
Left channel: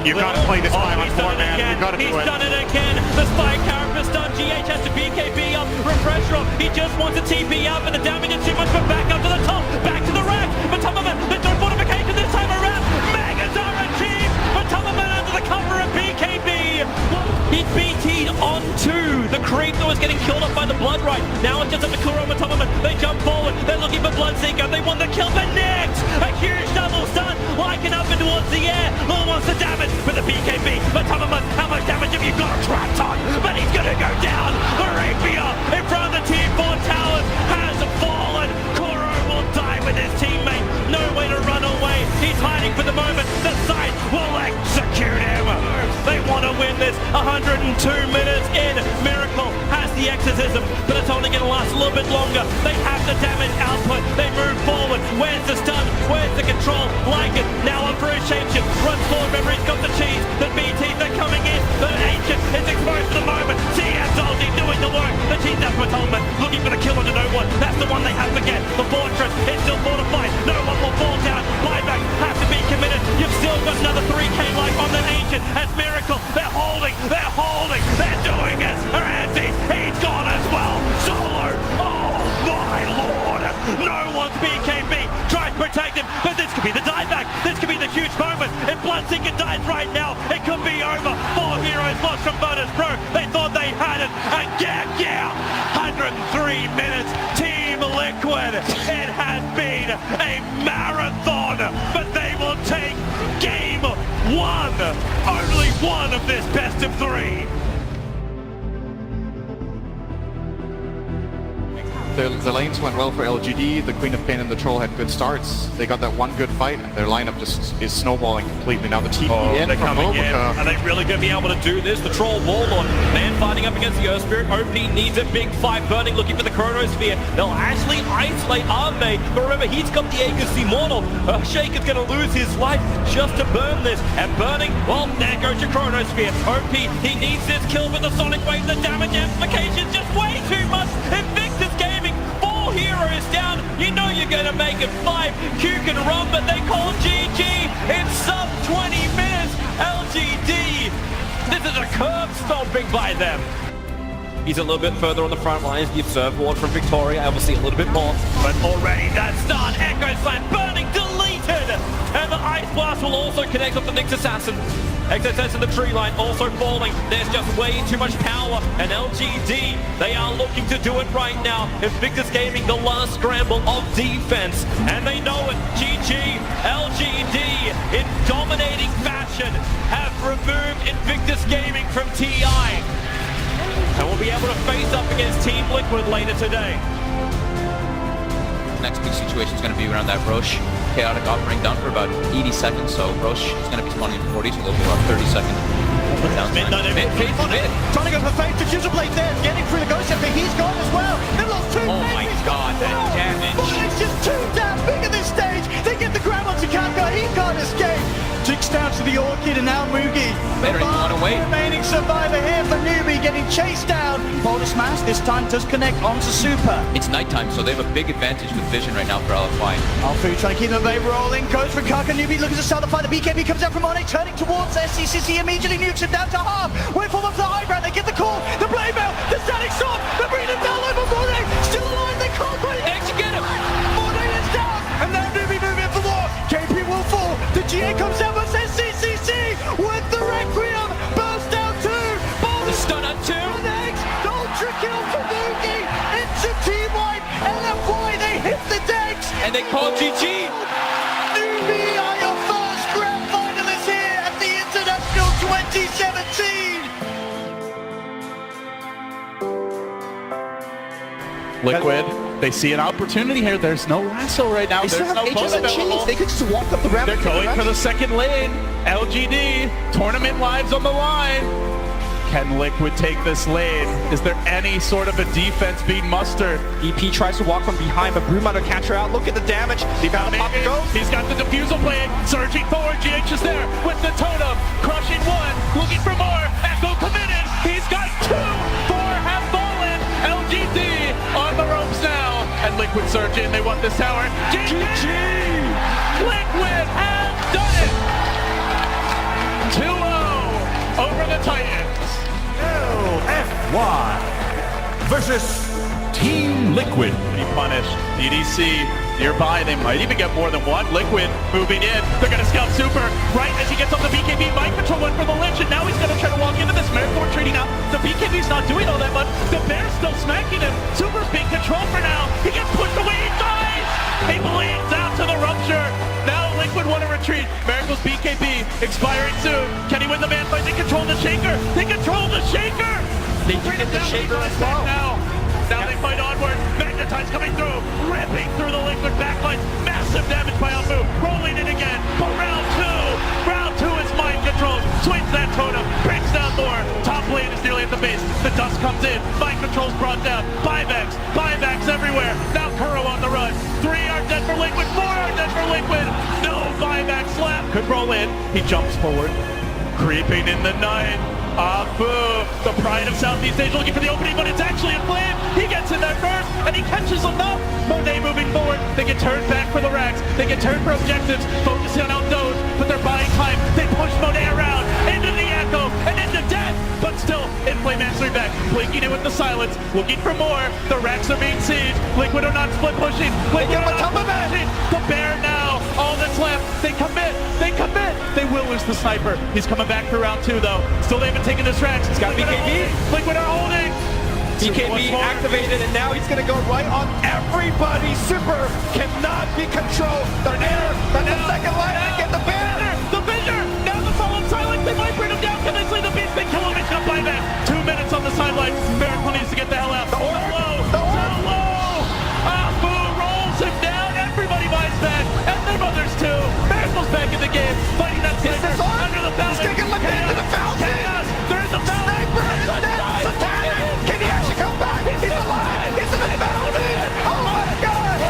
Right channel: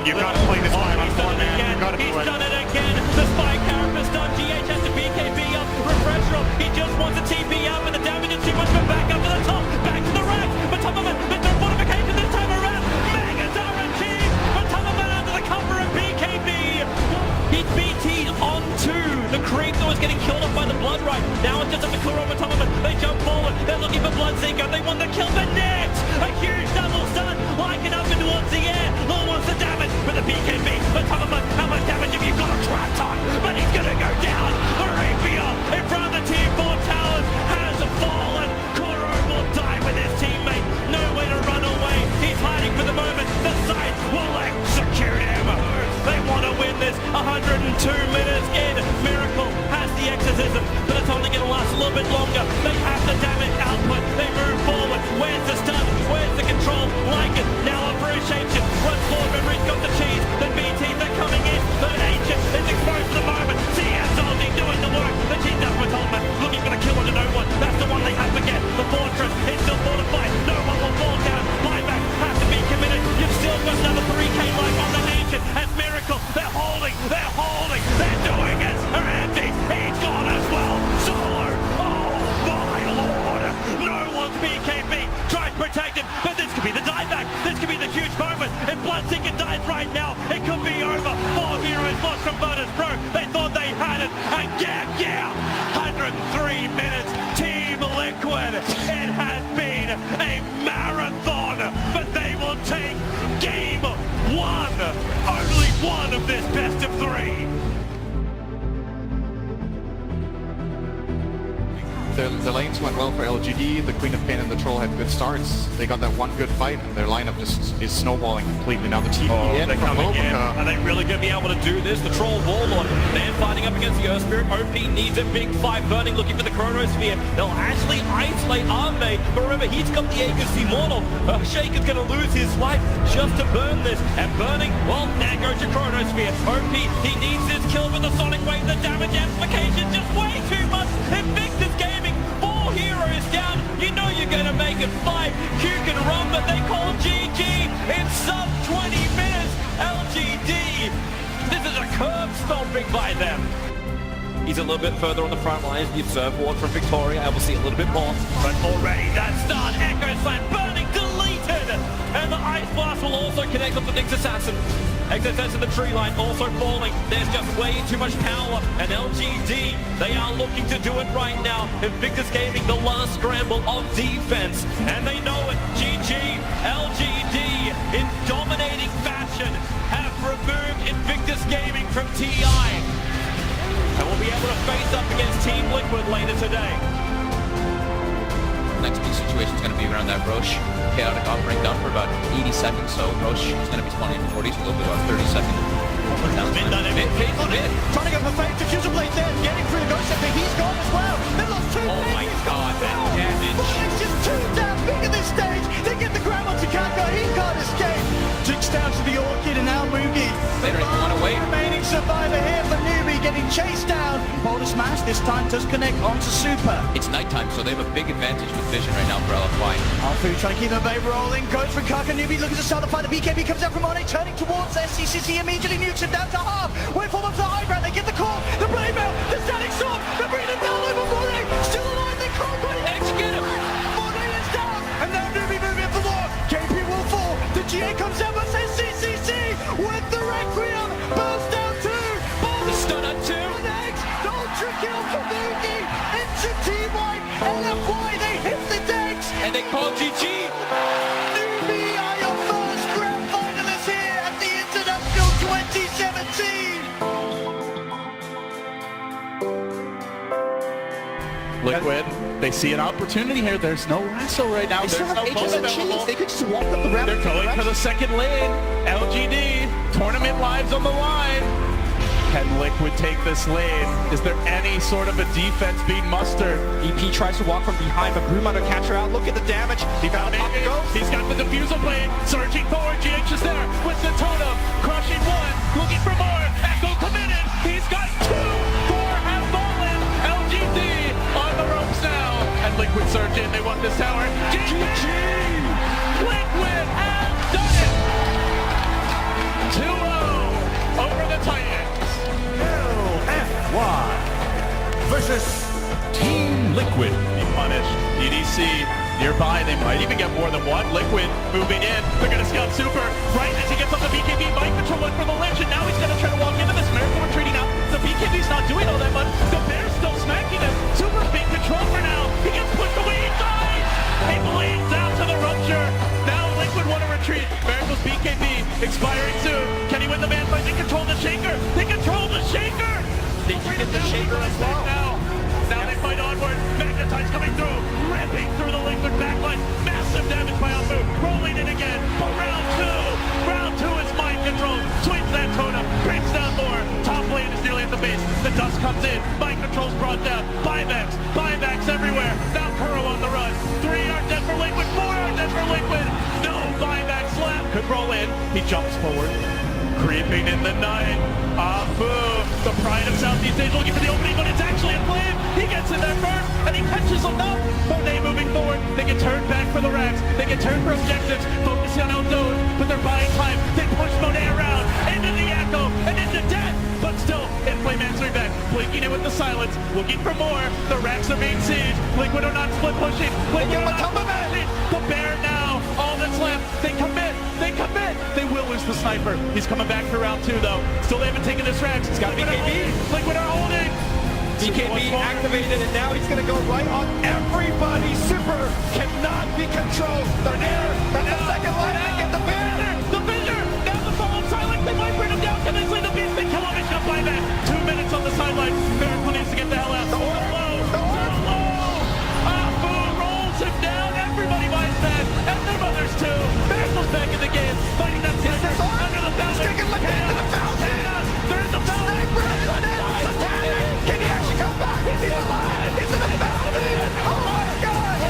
You've got to play this time on four, man. You've got to be He's done it again. The spy character's done. GH has to BKB up. Refresher up. He just wants a TP up, and the damage is too much for back up to the top. Back to the rack. Matamaman, there's no fortification this time around. Mega Darren Cheese. Matamaman under the cover of BKB. He BT'd onto the creep that was getting killed off by the Blood Rite. Now it's just up to Kuro and Matamaman. They jump forward. They're looking for Bloodseeker. They want the kill, but next, a huge double stun. Liking up and towards the air. Lil wants the damage for the BKB. Matamaman, how much damage have you got? Trap time, but he's gonna go down. Arabia in front of the T4 towers hasn't fallen. Kuro will die with his teammate. No way to run away. He's hiding for the moment. The side will execute him. They want to win this. 102 minutes in. Miracle has the exorcism, but it's only going to last a little bit longer. They have the damage output. They move forward. Where's the stun? Where's the control? Like it. Now appreciation. Runs forward. Memory's got the cheese. The BTs are coming in. The Ancient is exposed for the moment. TN's only doing the work. The Cheese Death with helmet. Looking for the kill onto no one. That's the one they have to get. The fortress is still fortified. No one will fall down. Buyback has to be committed. You've still got another 3k life on the Ancient. And Miracle. They're holding. They're doing this. Randy's. He's gone as well. Solo. Oh my lord. No one's BKB. Try and protect him. But this could be the dieback. This could be the huge moment. If Bloodseeker dies right now, it could be over. 4 heroes lost from Virtus Pro. They thought they had it. And yeah. 103 minutes. Team Liquid. It has been a marathon. But they will take game 1. Only one of this best of 3. The lanes went well for LGD. The Queen of Pain and the Troll had good starts. They got that one good fight, and their lineup just is snowballing completely. Now the TP in from Invoker. Are they really going to be able to do this? The Troll Warlord, man fighting up against the Earth Spirit. OP needs a big fight. Burning looking for the Chronosphere. They'll actually isolate Arme. But remember, he's got the Aegis Immortal. Shake is going to lose his life just to burn this. And Burning, well, there goes your Chronosphere. OP, he needs this kill with the Sonic Wave. The damage amplification just way too much. Invictus Gaming, 4 heroes down. You know you're going to make it 5. Q can run, but they call GG. It's sub 20 minutes. LGD. This is a curb stomping by them. He's a little bit further on the front lines. The Observe Ward from Victoria. I will see a little bit more. But already that start. Echo Slam. Burning deleted. And the IceFrog Blast will also connect up the Nyx Assassin. XSS in the tree line also falling. There's just way too much power. And LGD, they are looking to do it right now. Invictus Gaming, the last scramble of defense. And they know it. GG, LGD, in dominating fashion, have removed Invictus Gaming from TI. And will be able to face up against Team Liquid later today. Next big situation is going to be around that Roche chaotic offering down for about 80 seconds, so Roche is going to be spawning in 40, so they'll be about 30 seconds. Trying to go for fake diffuser blade there, getting through the ghost. I think he's gone as well. They've lost two. Oh my god, that damage. But it's just too damn big at this stage. They get the grab onto Kaka, he can't escape. Jinx down to the Orchid and now Mugi. Better, you want to wait? Remaining survivor here for Newbie, getting chased down. Boulder Smash this time does connect onto Super. It's nighttime, so they have a big advantage with vision right now for LFY. Alfu trying to keep them baby rolling. Goes for Kaka. Newbie looking to start the fight. The BKB comes out from on it, turning towards SCCC. Immediately nukes him down to half. Wait for them to high ground. They get the call. The blade mail. The static sword. They're bringing him down over Monet. Still alive. They can't quite get him. Monet is down. And then Newbie moving for more. KP will fall. The GA comes out with SCCC with the Requiem. Burst down two. The stun up two. Ultra kill for Mugi. Into team wipe. LFY. They hit the decks. And they call GG. Newbie are your first grand finalists here at the International 2017. Liquid, they see an opportunity here. There's no lasso right now. There's no boat available. They could just walk up the ramp. They're going for the second lane. LGD, tournament lives on the line. Can Liquid take this lane? Is there any sort of a defense being mustered? EP tries to walk from behind, but Broom to catch her out. Look at the damage. He got it. He's got the defusal blade. Surging forward. GH is there with the totem. Crushing one. Looking for more. Echo committed. He's got two. Four have fallen. LGD on the ropes now. And Liquid surge in. They want this tower. GG. Liquid has done it. 2-0 over the Titans. LFY versus Team Liquid. Punished. EDC nearby. They might even get more than one. Liquid moving in. They're going to scout Super. Right as he gets on the BKB. Mind control went for the Lynch, and now he's going to try to walk into this. Miracle retreating out. The BKB's not doing all that much. The Bear's still smacking him. Super's being controlled for now. He gets pushed away. He dies. He bleeds out to the rupture. Now Liquid want to retreat. Miracle's BKB expiring soon. Can he win the man fight? They control the Shaker. They control the Shaker. They can get the Shaker as well. Now they fight onward. Magnetine's coming through. Ripping through the Liquid backline. Massive damage by Alfu. Rolling in again. For round two. Round two is mind control. Swings that totem. Brings down more. Top lane is nearly at the base. The dust comes in. Mind control's brought down. Buybacks. Buybacks everywhere. Now Kuro on the run. 3 are dead for Liquid. 4 are dead for Liquid. No buybacks left. Could roll in. He jumps forward. Creeping in the 9. Alfu, the pride of Southeast Asia, looking for the opening, but it's actually a flame. He gets in there first, and he catches enough. Monet moving forward. They get turned back for the racks. They get turned for objectives. Focusing on those, but they're buying time. They push Monet around into the echo and into death, but still in play mastery back. Blinking in with the silence, looking for more. The racks are being sieged. Liquid are not split pushing. Liquid are not pushing. The Bear now, all that's left. They commit. They commit. They will lose the sniper. He's coming back for round 2 though. Still they haven't taken the tracks. He's got BKB. Liquid are holding. BKB activated, and now he's going to go right on everybody. Super cannot be controlled. They're there. They're the second line. Get the Bear. The Vision. Now the fallen silent. They might bring him down. Can they slay the beast? They kill him. It's not by that. 2 minutes on the sideline. Miracle needs to get the hell out. The low. Alfu rolls him down. Everybody buys that. And their mothers too. Miracle's back in the game. Fighting that sniper. Under the fountain. Sticking like into the fountain. There's the fountain. Can he actually come back? He's alive. He's in the fountain. Oh my God.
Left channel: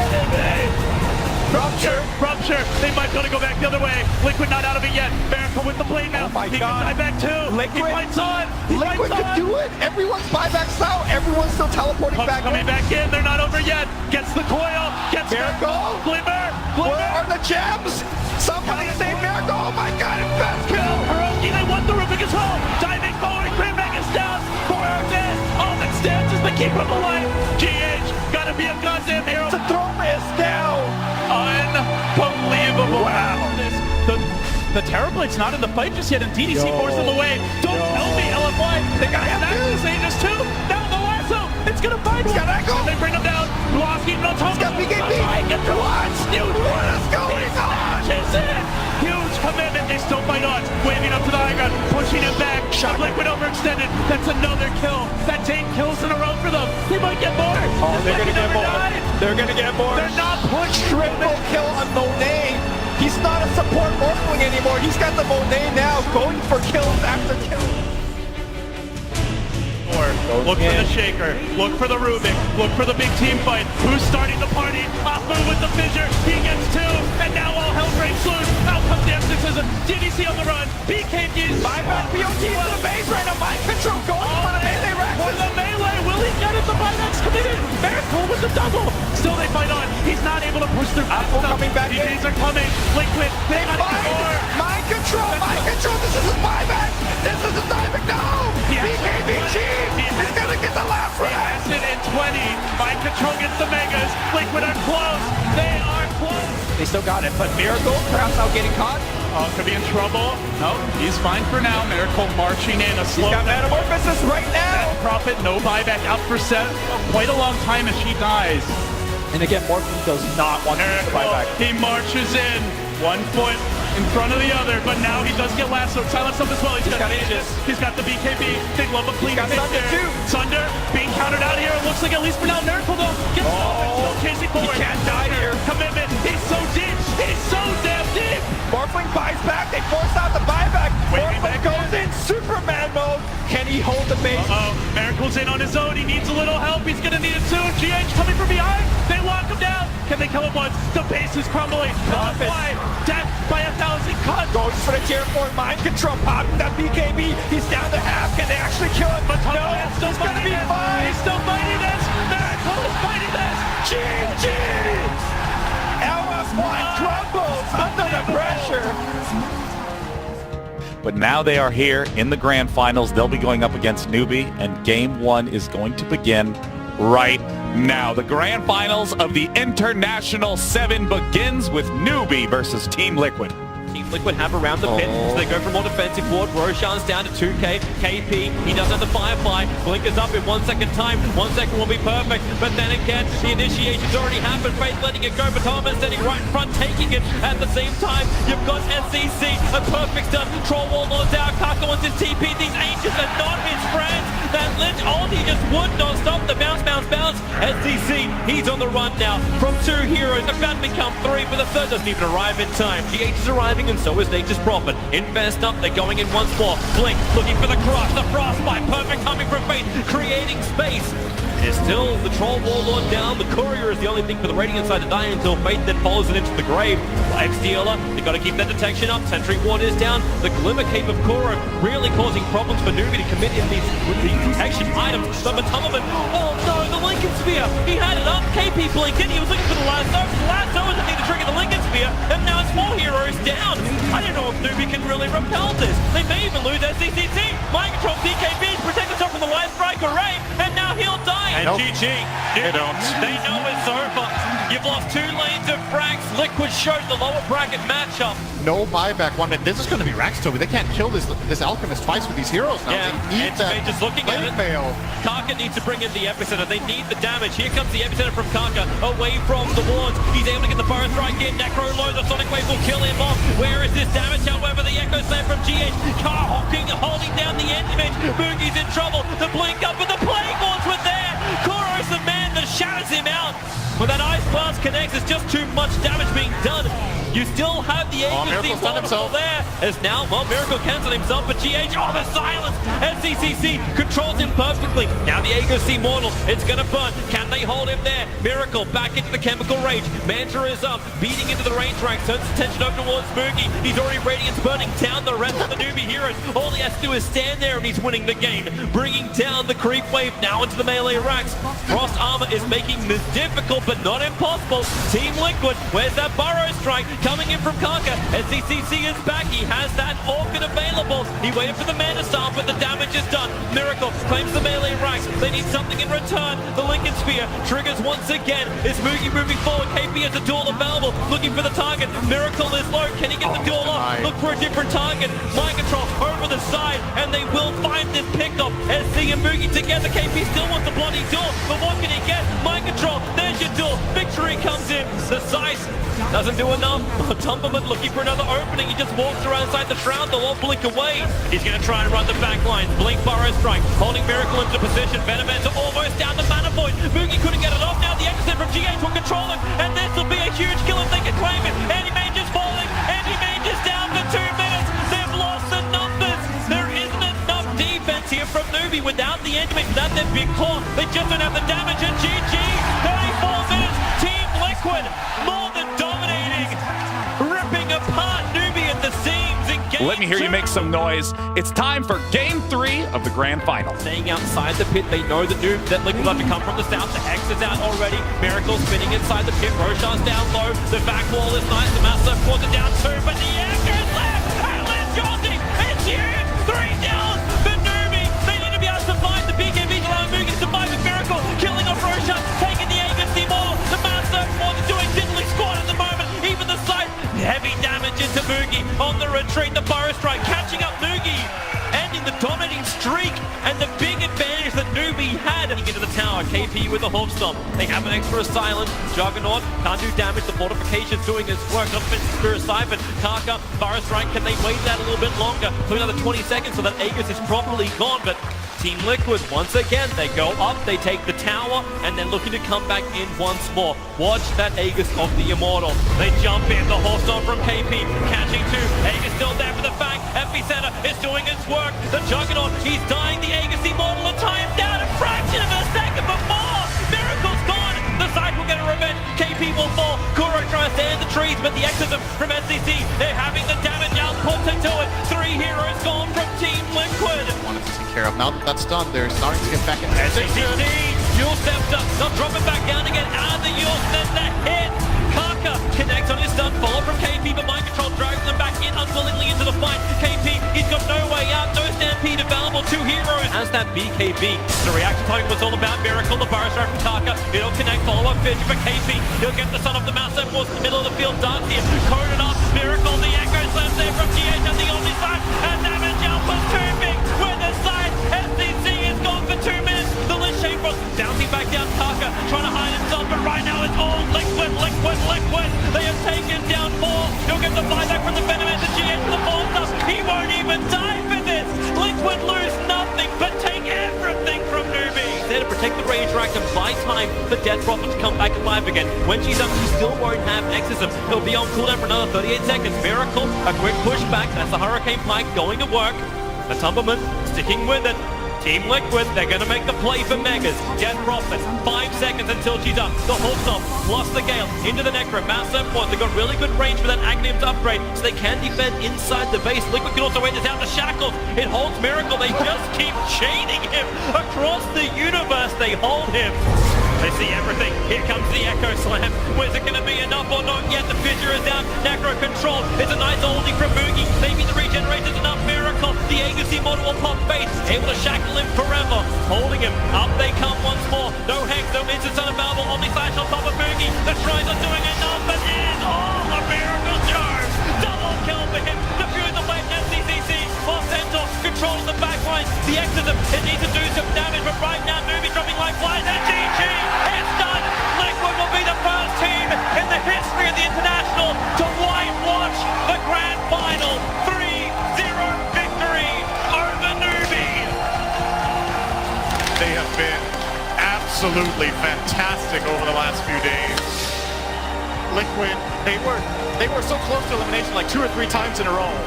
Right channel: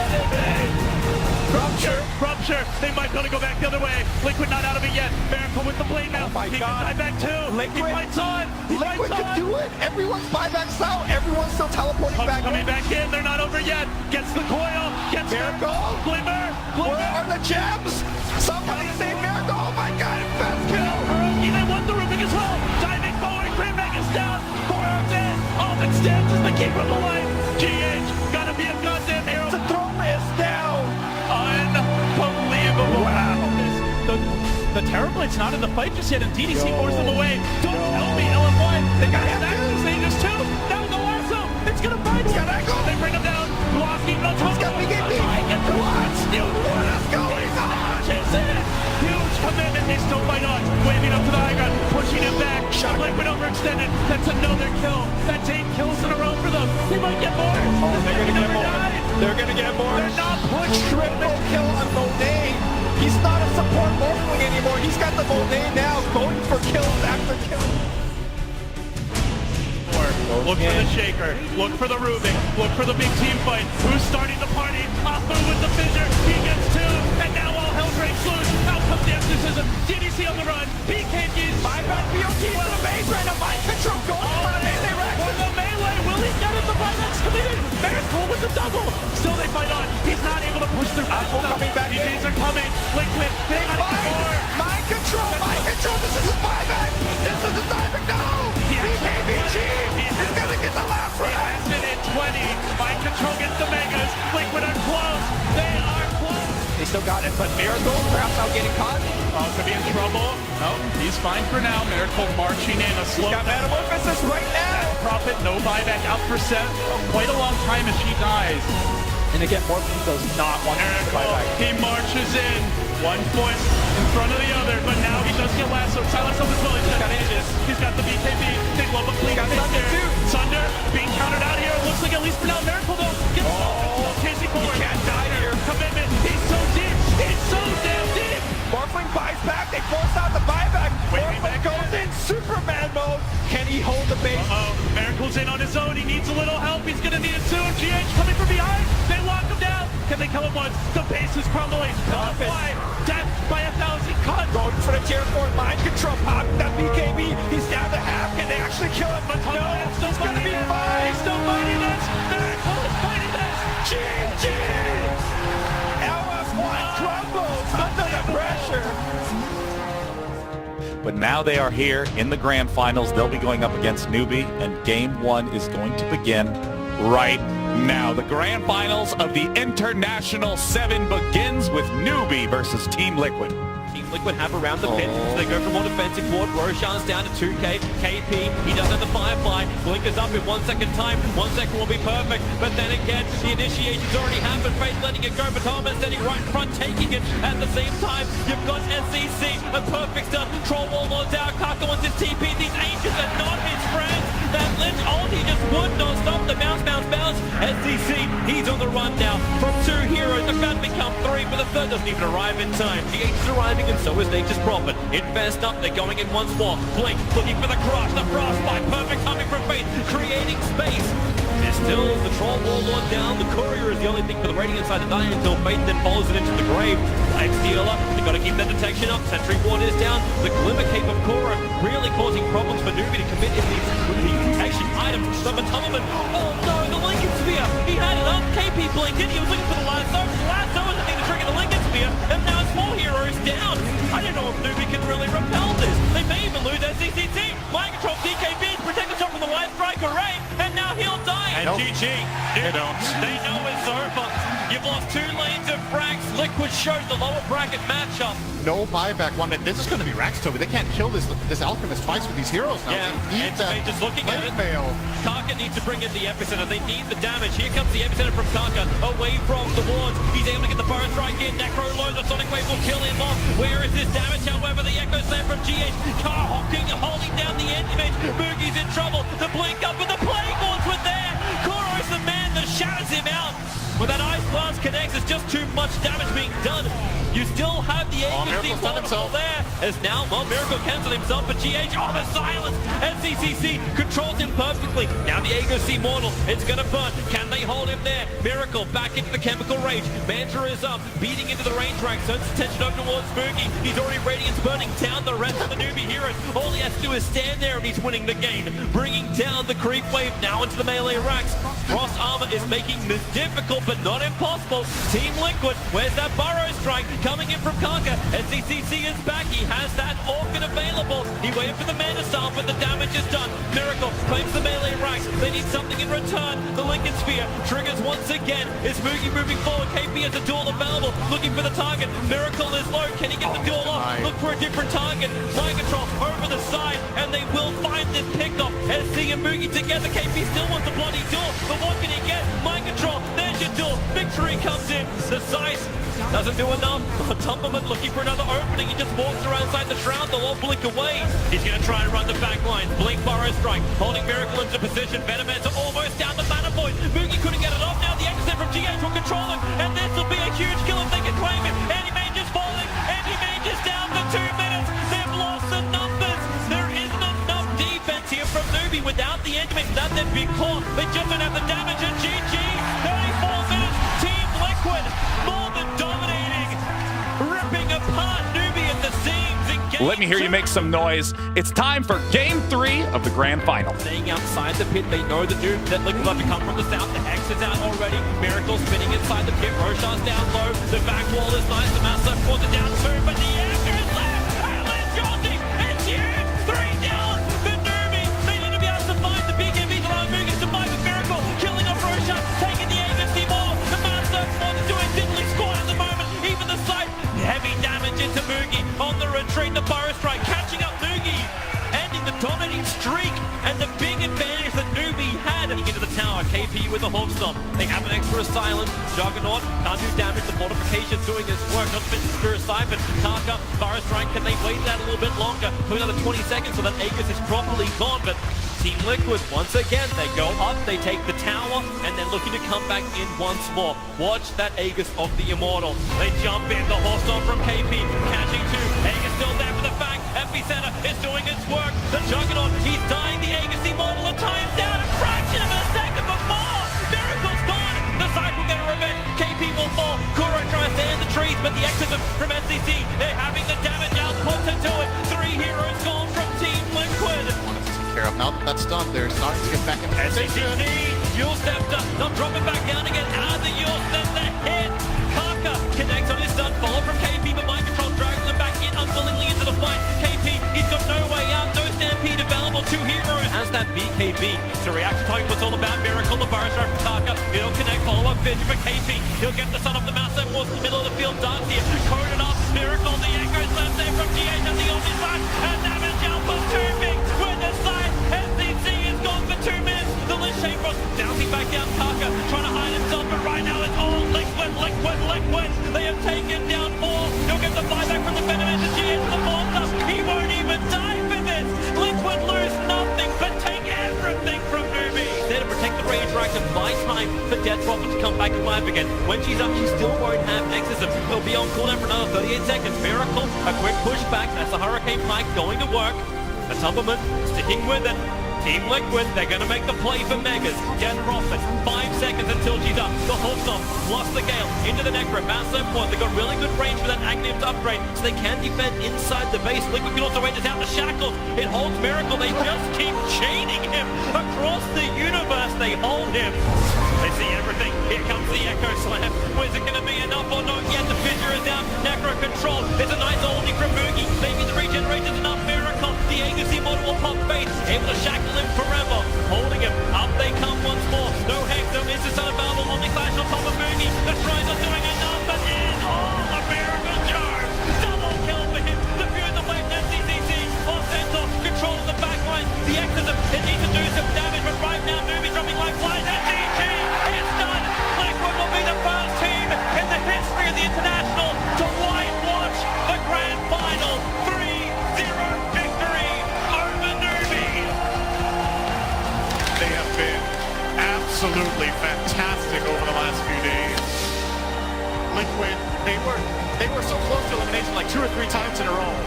Rupture. They might be able to go back the other way. Liquid not out of it yet. Miracle with the blade now. Oh my he God. can die back too. He fights on. Liquid can do it. Everyone's buybacks now. Everyone's still teleporting back. Coming back in. They're not over yet. Gets the coil. Gets Miracle. Glimmer. Where are the gems? Somebody save Miracle. Oh my God. Fast kill. They want the roofing as well. Diving forward. Clearback is down. 4 are dead. All that stands is the keep him alive. GH. Gotta be a goddamn hero. The throne is down. Unbelievable. Wow. The The Terrorblade's not in the fight just yet, and DDC forces them away. Don't tell me, LFY. They got access. There's two. Down the lasso. It's going to find him. They bring him down. Blocking on top of him. What is going on? Huge commitment. They still fight on. Waving up to the high ground. Pushing him back. Liquid overextended. That's another kill. That's 8 kills in a row for them. They might get more. Oh, they're going to get more. They're going to get more. They're not pushed. Triple kill on Monet. He's not a support Morphling anymore. He's got the Monet now, going for kills after kills. Look for the Shaker. Look for the Ruben. Look for the big team fight. Who's starting the party? Oppo with the fissure. He gets 2. And now all hell breaks loose. Out comes the exorcism. DDC on the run. BKB. Buyback. BOG to the base right now. Mind control going for the melee rack. For the melee. Will he get it? The buyback's committed. Miracle with the double. Still they fight on. He's not able to push through. Oppo coming back. DJs are coming. Liquid. They have more. Mind control. Mind control. This is his buyback. This is the time to go. BKB. He's gonna get the last round. In 20. Mind control gets the Megas. Liquid are close. They are close. They still got it, but Miracle perhaps now getting caught. Could be in trouble. No, he's fine for now. Miracle marching in a slow. He's got Metamorphosis right now. Prophet, no buyback, up for set. Quite a long time as she dies. And again, Morphling does not want to buyback. He marches in. 1 foot in front of the other, but now he does get lasso. Tell us something as well. He's got the BKB. Big love of clean. Thunder too. Thunder being countered out here. Looks like at least for now Miracle though. Still chasing forward. He can't die here. Commitment. He's so deep. He's so damn deep. Morphling buys back. They force out the buyback. Morphling goes in Superman mode. Can he hold the base? Miracle's in on his own. He needs a little help. He's gonna need it too. GH coming from behind. They lock him down. Can they kill him once? The base is crumbling. Death by 1,000 cuts. Goes for the tier 4 mind control. Popping that BKB. He's down to half. Can they actually kill him? But no, it's still gonna be fine. He's still fighting this. Miracle is fighting this. GG. LS1 crumbles under the pressure. But now they are here in the grand finals. They'll be going up against Newbie, and game 1 is going to begin right now. The grand finals of the International 7 begins with Newbie versus Team Liquid. Team Liquid have around the pit, so they go for more defensive forward. Roshan's down to 2k. KP, he doesn't have the Firefly. Blink is up in 1 second time. 1 second will be perfect. But then again, the initiation's already happened. Faith letting it go, but Thomas standing right in front, taking it at the same time. You've got SCC, a perfect start. Troll Warlord's out. Kaka wants his TP. These ancients are not his friends. That Lynch ulti just would not stop the bounce. SCC, he's on the run now. From 2 heroes, about to become 3, but the third doesn't even arrive in time. GH is arriving, and so is Nature's Prophet. Invest up, they're going in once more. Blink, looking for the crush, the frostbite. Perfect coming from Fate, creating space. There's still the Troll Warlord down. The Courier is the only thing for the Radiant side to die until Fate then follows it into the grave. X-Dealer, they've got to keep that detection up. Sentry Ward is down. The Glimmer Cape of Korra really causing problems for Newbie to commit in these mutation items. The Matoman, oh no, the Lincoln Sphere. He had it up. KP blinking. He was looking for the lasso. The lasso is the thing to trigger the Lincoln Sphere. And now it's 4 heroes down. I don't know if Newbie can really repel this. They may even lose SCCT. Mind control DKB, protect himself from the Wide Strike Array. And now he'll die. And GG. They don't. They know it's over. You've lost 2 lanes of frags. Liquid shows the lower bracket matchup. No buyback. 1 minute. This is going to be Rax, Toby. They can't kill this Alchemist twice with these heroes now. Yeah, they need that. Just looking at it. Fail. Kaka needs to bring in the epicenter. They need the damage. Here comes the epicenter from Kaka. Away from the wards. He's able to get the first strike in. Necro low. The Sonic Wave will kill him off. Where is his damage? However, the Echo Slam from GH. Car hocking, holding down the end image. Boogie's in trouble. The blink up, but the Plague Lords were there. Koro's the man that shatters him out. When that Ice Blast connects, it's just too much damage being done. You still have the agency wonderful there. As now, well, Miracle cancelled himself, but GH, oh, the silence! SCCC controls him perfectly. Now the agency mortal, it's gonna burn. Can they hold him there? Miracle back into the chemical rage. Manta is up, beating into the range rank, turns attention over towards Boogie. He's already Radiance burning down the rest of the Newbie heroes. All he has to do is stand there and he's winning the game. Bringing down the creep wave now into the melee racks. Frost Armor is making this difficult but not impossible. Team Liquid, where's that Burrow strike? Coming in from Kaka. SCCC is back. He has that Orchid available. He waited for the mana star, but the damage is done. Miracle claims the melee right. They need something in return. The Lincoln Sphere triggers once again. Is Moogie moving forward? KP has a duel available. Looking for the target. Miracle is low. Can he get the duel off? Look for a different target. Mind control over the side, and they will find this pickoff. SC and Moogie together. KP still wants the bloody duel, but what can he get? Mind control. There's your duel. Victory comes in. The size doesn't do enough. Tumberman looking for another opening. He just walks around inside the shroud. They'll all blink away. He's going to try and run the back line. Blink Burrow strike. Holding Miracle into position. Venomancer almost down the mana point. Moogie couldn't get it off. Now the exit from GH will control him. And this will be a huge kill if they can claim it. Anti-Mage is falling. Anti-Mage is down for 2 minutes. They've lost the numbers. There isn't enough defense here from Newbie without the Anti-Mage, without their big core. They just don't have the damage. And GG. 34 minutes. Team Liquid more than dominating. Ripping apart Newbie at the seams. Let me hear you make some noise. It's time for Game 3 of the Grand Final. Staying outside the pit, they know the Noob that Liquid love to come from the south. The exit's out already. Miracle spinning inside the pit. Roshan's down low. The back wall is nice. The Master pulls it down too, but the answer is left. And it's Jolty. It's huge. 3 down for Newbie. They need to be able to survive the big enemies around Moogie. Surviving Miracle. Killing off Roshan. Taking the agency more. The Master is doing diddly squad at the moment. Even the sight. Heavy damage into Moogie. On the retreat, the Burrow strike catching up Moogie. Ending the dominating streak. And the big advantage that Newbie had. Into the tower. KP with the Hawk Stomp. They have an extra silence. Juggernaut can't do damage. The fortification's doing its work. Not fit Spirit Siphon. Kaka, Burrow strike. Can they wait that a little bit longer? For another 20 seconds so that Aegis is properly gone. But Team Liquid, once again, they go up, they take the tower, and then looking to come back in once more. Watch that Aegis of the Immortal. They jump in, the horse on from KP, catching 2. Aegis still there for the fang. Epicenter is doing its work. The Juggernaut, he's dying. The Aegis Immortal, a time down, a fraction of a second before. Miracle's gone. The side will get a revenge. KP will fall. Kuro tries to end the trees, but the exit from SCC, they're having the damage output into it. 3 heroes gone from Team Liquid. Care of. Now that that's done, they're starting to get back in position. Yule Scepter, they'll drop it back down again. The Yule Scepter hit. Parker connects on his stun. Follow from KP, but Mind Control drags them back in unwillingly into the fight. KP, he's got no way out. No stampede available. 2 heroes. As that BKB. The reaction time was all about Miracle. The Burrow strike from Parker. He'll connect. Follow up 50 for KP. He'll get the son of the mouse that was in the middle of the field. Dark here. Coded up. Miracle. The Echo slams there from GH at the Omni side. And damage output too big. With the side. SCC is gone for 2 minutes. The Lich Chamber bouncing back down. Parker trying to hide himself, but right now it's all Liquid. They have taken down 4. He'll get the buyback from the Venomancer. GH to the 4 He won't even die for this. Liquid lose nothing, but take everything from Newbie. There to protect the Rage Rack and buy time for Death Prophet to come back alive again. When she's up, she still won't have Exorcism. He'll be on cooldown for another 38 seconds. Miracle, a quick pushback. That's the Hurricane Pike going to work. The Tumberman sticking with it. Team Liquid, they're going to make the play for Megas. Death Prophet, 5 seconds until she's up. The Hawkstomp, plus the Gale, into the Necro. Massive point, they've got really good range for that Active to upgrade, so they can defend inside the base. Liquid can also wait this out the Shackles. It holds Miracle, they just keep chaining him across the universe. They hold him. They see everything. Here comes the Echo Slam. Where's it going to be enough or not yet? The Fissure is out. Necro control. It's a nice holding from Moogie. Maybe the regeneration's enough. Miracle. The agency model will pop base. Able to shackle him forever. Holding him. Up they come once more. No Hex, no instance unavailable on this side on top of Moogie. The Shrines are doing enough, but it is all a Miracle charge. Double kill for him. Defuse away SCCC. Centaur controls the back line. The Exorcism, it needs to do some damage, but right now Movies dropping like flies. And GG, it's done. Liquid will be the first team in the history of the International to whitewash the Grand Final. 3-0 victory over Newbie. They have been absolutely fantastic over the last few days. Liquid, they were so close to elimination like 2 or 3 times in a row.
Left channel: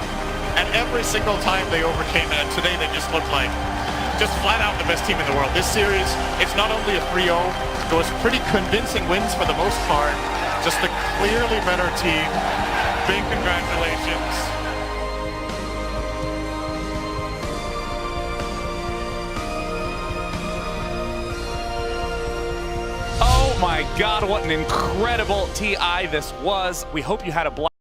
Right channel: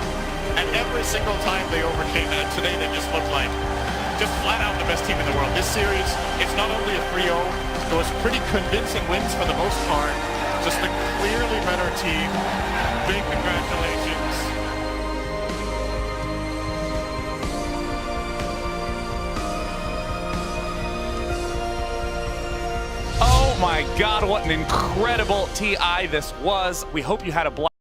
And every single time they overcame it, and today they just looked like just flat out the best team in the world. This series, it's not only a 3-0, those pretty convincing wins for the most part, just a clearly better team. Big congratulations. Oh my God, what an incredible TI this was. We hope you had a blast.